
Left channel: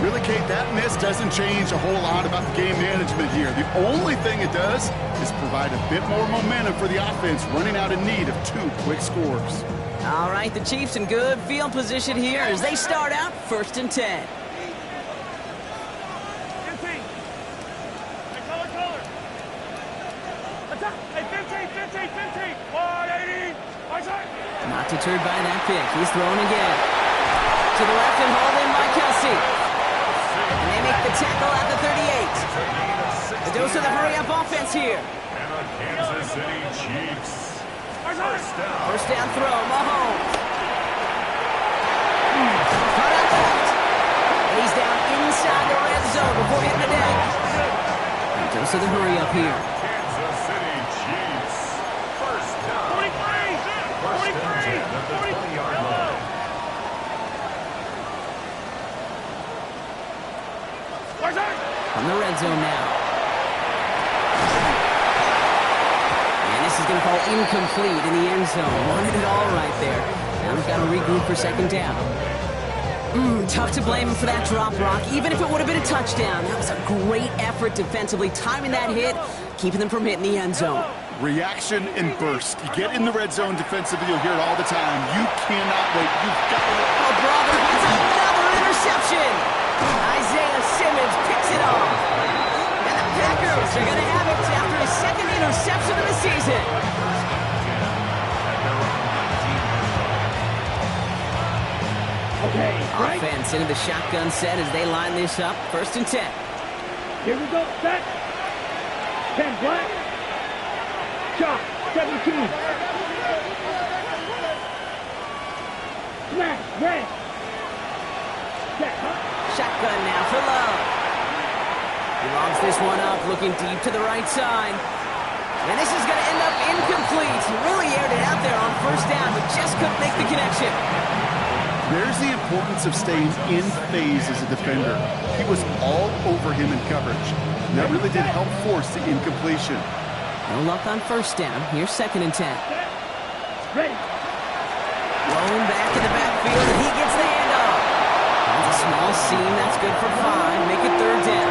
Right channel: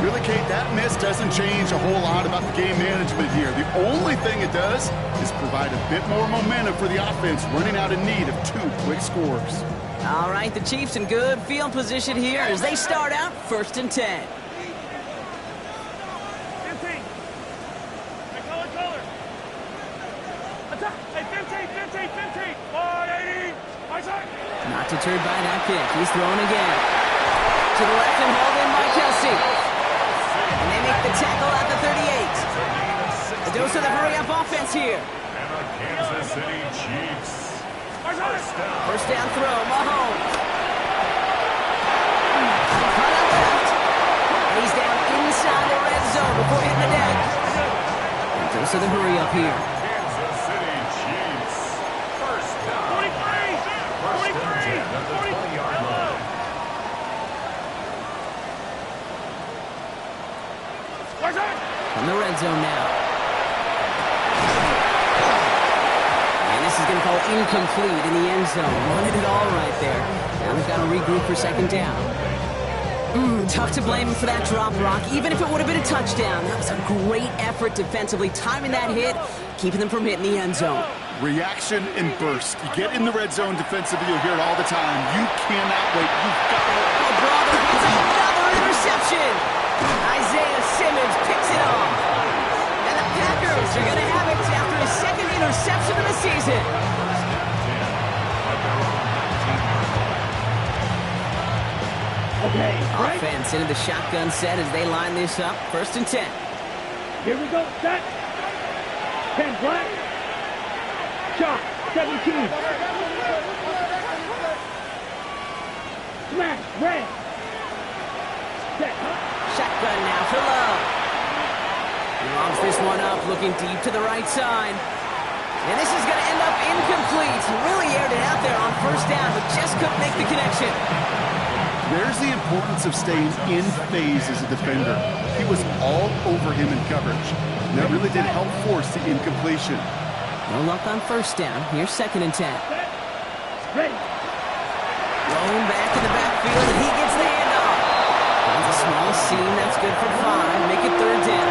Really, Kate, that miss doesn't change a whole lot about the game management here. The only thing it does is provide a bit more momentum for the offense, running out in need of 2 quick scores. All right, the Chiefs in good field position here as they start out 1st and 10. Not deterred by that pick. He's thrown again. To the left and hauled in by Kelsey. And they make the tackle at the 38. A dose of the hurry-up offense here. And the Kansas City Chiefs First down throw, Mahomes. Cut out left. And he's down inside the red zone before hitting the deck. And goes to the hurry up here. Kansas City Chiefs. First down. 43! First and 10 at the 20-yard line. From the red zone now. And this is going to fall incomplete in the end zone. Wanted it all right there. Now they've got to regroup for second down. Tough to blame him for that drop, Brock, even if it would have been a touchdown. That was a great effort defensively, timing that hit, keeping them from hitting the end zone. Reaction and burst. You get in the red zone defensively, you'll hear it all the time. You cannot wait. You've got to wait. Oh, brother, it's another interception. Isaiah Simmons picks it off. And the Packers are going to have it after his second interception of the season. First and 10 at their own 19-yard line. Okay, right? Offense into the shotgun set as they line this up. First and 10. Here we go, set. 10 black. Shot, 17. Smash, red. Set, huh? Shotgun now for Love. He lobs this one up, looking deep to the right side. And this is going to end up incomplete. He really aired it out there on first down, but just couldn't make the connection. There's the importance of staying in phase as a defender. He was all over him in coverage. And that really did help force the incompletion. No luck on first down. Here's second and 10. Ready. Blown back in the backfield, and he gets the handoff. Finds a small seam. That's good for 5. Make it third down.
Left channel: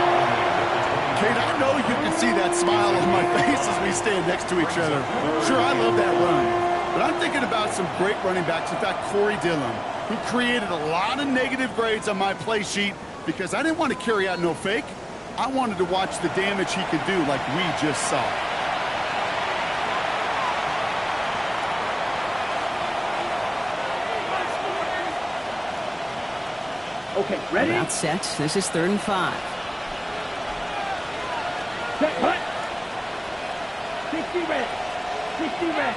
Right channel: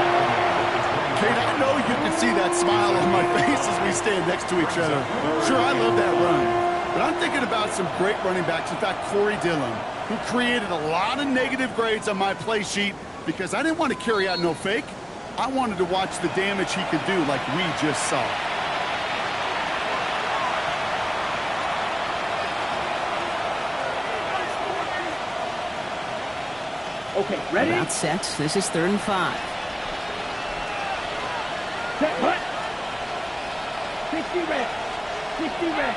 Kate, I know you can see that smile on my face as we stand next to each other. Sure, I love that run. But I'm thinking about some great running backs. In fact, Corey Dillon, who created a lot of negative grades on my play sheet because I didn't want to carry out no fake. I wanted to watch the damage he could do like we just saw. Okay, ready? About set. This is third and 5. Set, hut. 60 red. 60 red.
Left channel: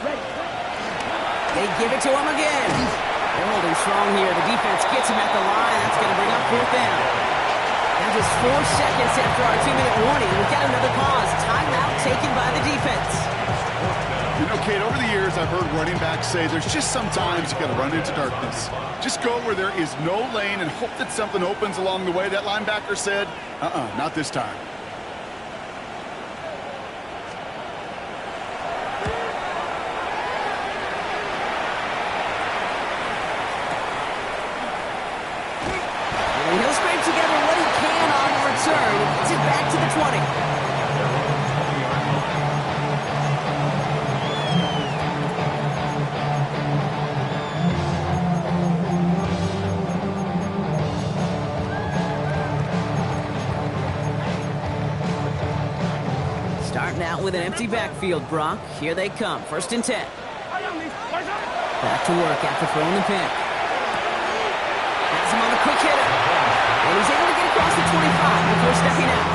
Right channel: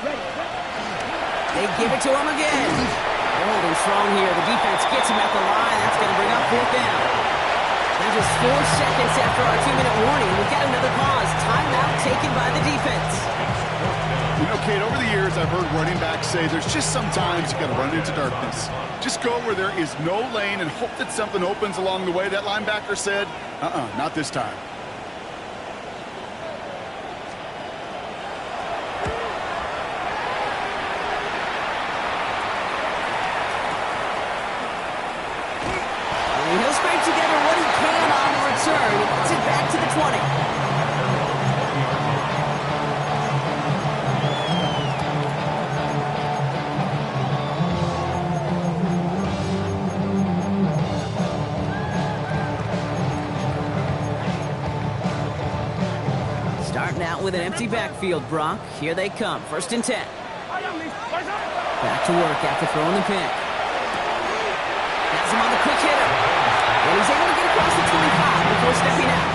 Ready. They give it to him again. They're holding strong here. The defense gets him at the line. That's going to bring up fourth down. Now just 4 seconds after our 2-minute warning, we've got another pause. Timeout taken by the defense. You know, Kate, over the years, I've heard running backs say there's just sometimes you got to run into darkness. Just go where there is no lane and hope that something opens along the way. That linebacker said, not this time. And he'll scrape together what he can on the return. He gets it back to the 20. Starting out with an empty backfield, Brock. Here they come. First and 10. Back to work after throwing the pick. Has him on the quick hitter. And he's able to get across the 25 before stepping out.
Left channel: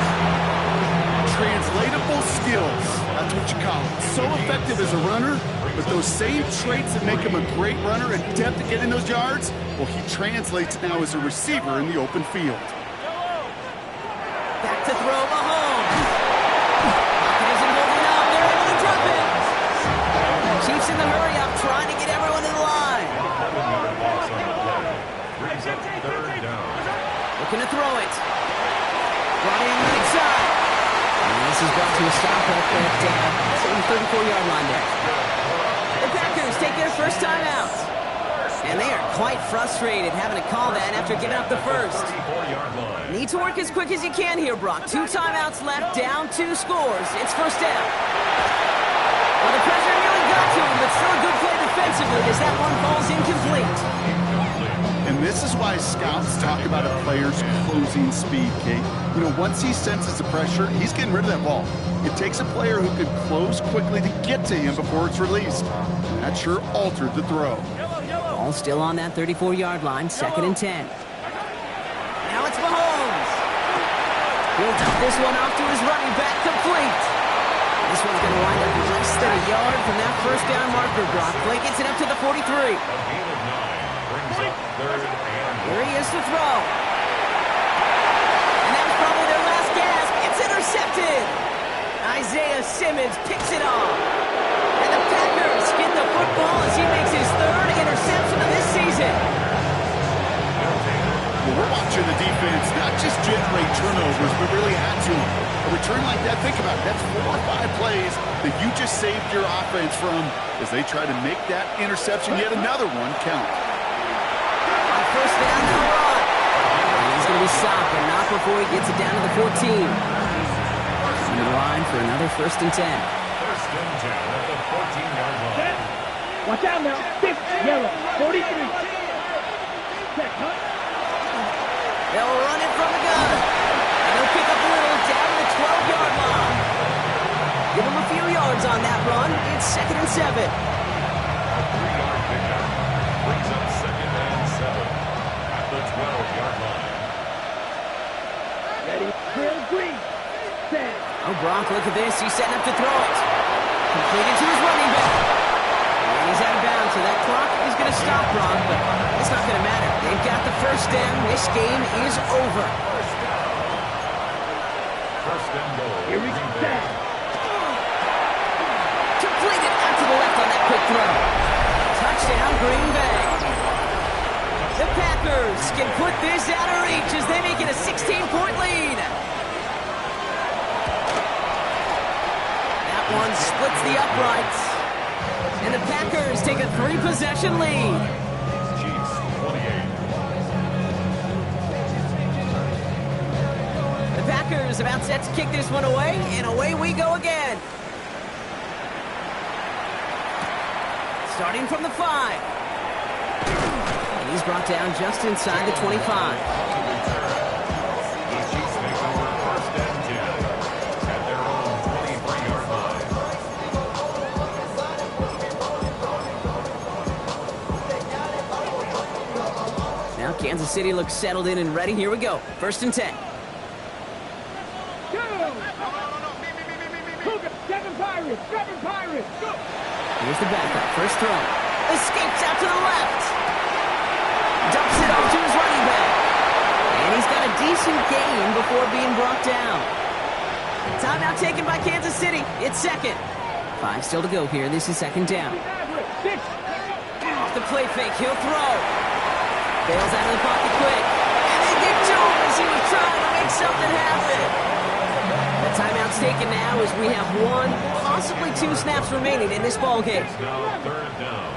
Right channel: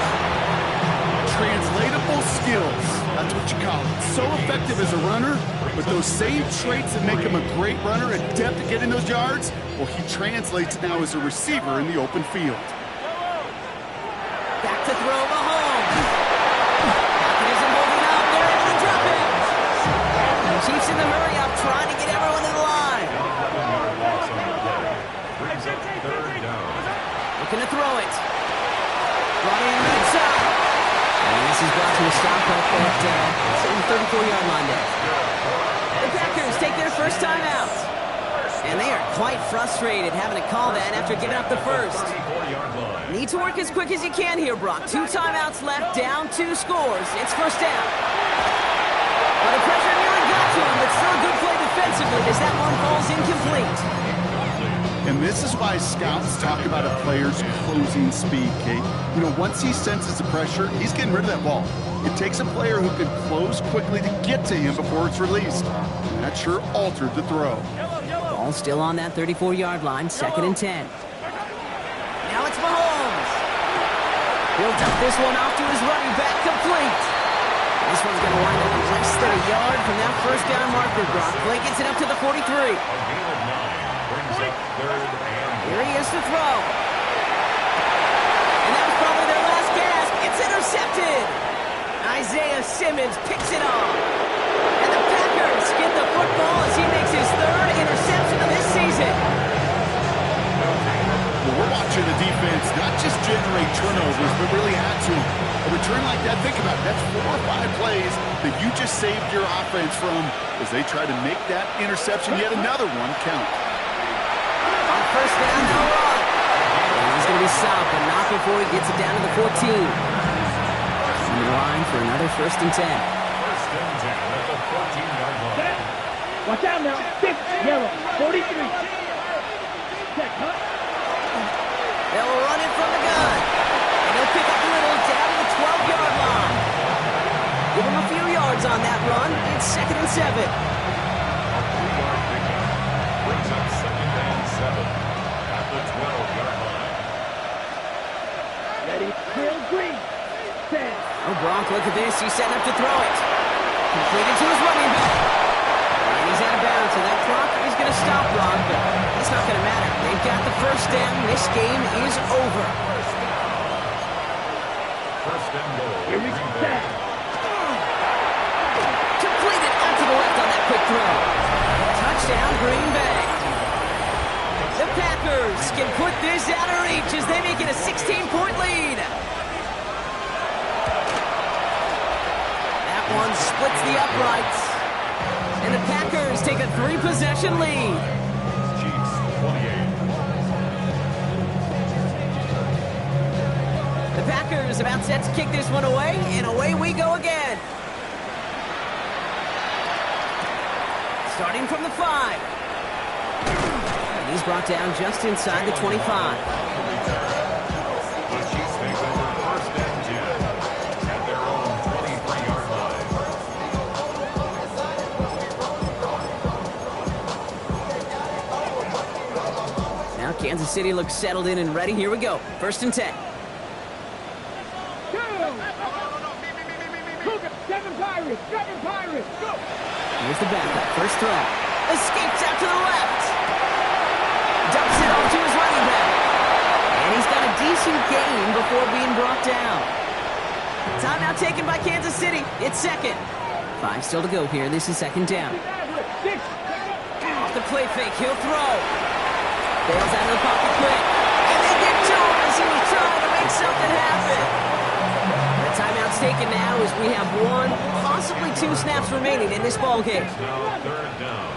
Translatable skills. That's what you call it. So effective as a runner, but those same traits that make him a great runner, adept at getting those yards, well, he translates it now as a receiver in the open field. Back to throw Mahomes. Pocket isn't holding up. They're able to drop it. Chiefs in the hurry up, trying to get everyone in the line. 11-yard loss on the play. Brings up third down. Looking to throw it. Brought in right side. And this is brought to a stop up at the 34-yard line there. The Packers take their first time out. And they are quite frustrated having to call that after giving up the first. 34-yard line. Need to work as quick as you can here, Brock. 2 timeouts left, down 2 scores. It's first down. Well, the pressure nearly got to him, but still a good play defensively as that one falls incomplete. And this is why scouts talk about a player's closing speed, Kate. You know, once he senses the pressure, he's getting rid of that ball. It takes a player who can close quickly to get to him before it's released. And that sure altered the throw. Ball still on that 34-yard line, second and 10. Now it's Mahomes. He'll dump this one off to his running back, complete. This one's going to wind up less than a yard from that first down marker. Brock Clay gets it up to the 43. A gain of 9 brings up 3rd and 1. Here he is to throw. And that was probably their last gasp. It's intercepted. Isaiah Simmons picks it off. And the Packers get the football as he makes his 3rd interception of this season. Well, we're watching the defense not just generate turnovers, but really add to them. A return like that, think about it, that's 4 or 5 plays that you just saved your offense from as they try to make that interception, yet another one, count. On first down, they'll run. And he's going to be stopped, but not before he gets it down to the 14. On the line for another 1st and 10. 1st and 10 at the 14-yard line. Watch out now. 6, yellow, 43. Check, huh? They'll run it from the gun. And they'll pick up a little down to the 12-yard line. Give him a few yards on that run. It's 2nd and 7. A 3-yard pickup brings up 2nd and 7 at the 12-yard line. Ready, drill, green. Set. Oh, Gronk, look at this. He's setting up to throw it. Completed to his running back. And he's out of bounds, so that clock is going to stop Gronk, but it's not going to matter. They've got the first down. This game is over. First and goal. Here we go. Set. Completed out to the left on that quick throw. Touchdown, Green Bay. The Packers can put this out of reach as they make it a 16-point lead. That one splits the uprights. And the Packers take a 3-possession lead. Chiefs 28. The Packers about set to kick this one away, and away we go again. Starting from the 5. And he's brought down just inside the 25. The Chiefs take over 1st and 10 at their own 23-yard line. Now Kansas City looks settled in and ready. Here we go. 1st and 10. Go. Cougar, 7 Pirates, 7 Pirates. Go. Here's the backup. First throw. Escapes out to the left. Dumps it off to his running back. And he's got a decent gain before being brought down. Timeout taken by Kansas City. It's 2nd. 5 still to go here. This is 2nd down. 6. Off the play fake. He'll throw. Bails out of the pocket quick. And they get to him as he was trying to make something happen. The timeout's taken now as we have 1, possibly 2 snaps remaining in this ball game. It's now 3rd down.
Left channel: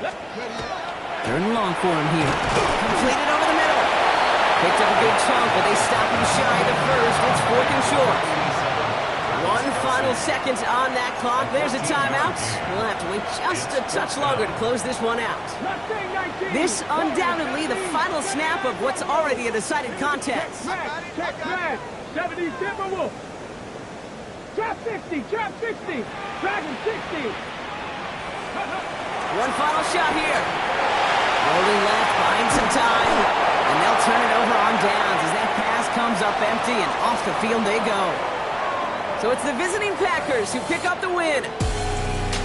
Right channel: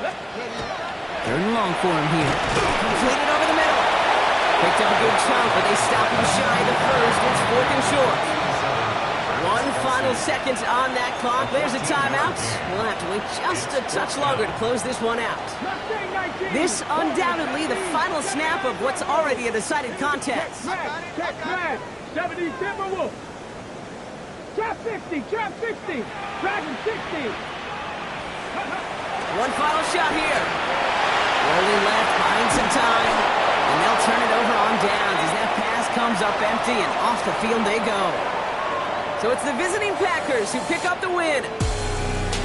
3rd and long for him here. Completed over the middle. Picked up a good chunk, but they stop him shy the first. It's 4th and short. 1 final second on that clock. There's a timeout. We'll have to wait just a touch longer to close this one out. This undoubtedly the final snap of what's already a decided contest. Check flag. 70 Timberwolves. Trap 60. Trap 60. Dragon 60. One final shot here. Rolling left, buying some time. And they'll turn it over on downs as that pass comes up empty and off the field they go. So it's the visiting Packers who pick up the win.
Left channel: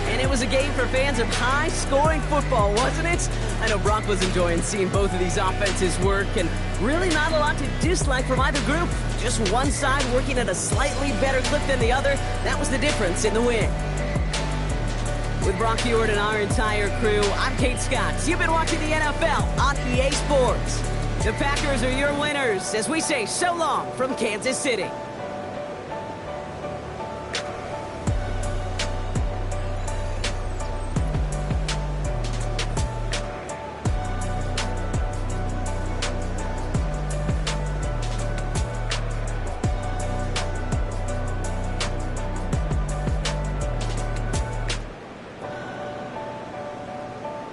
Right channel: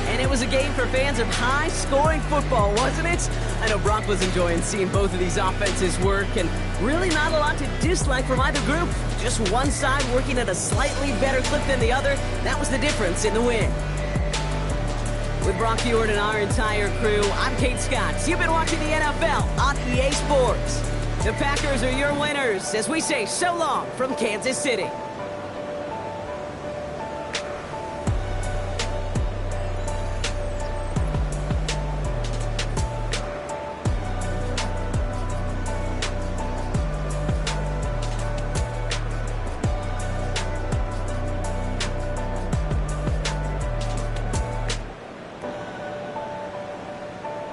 And it was a game for fans of high-scoring football, wasn't it? I know Brock was enjoying seeing both of these offenses work, and really not a lot to dislike from either group. Just one side working at a slightly better clip than the other. That was the difference in the win. With Brock Hewitt and our entire crew, I'm Kate Scott. You've been watching the NFL on EA Sports. The Packers are your winners as we say so long from Kansas City.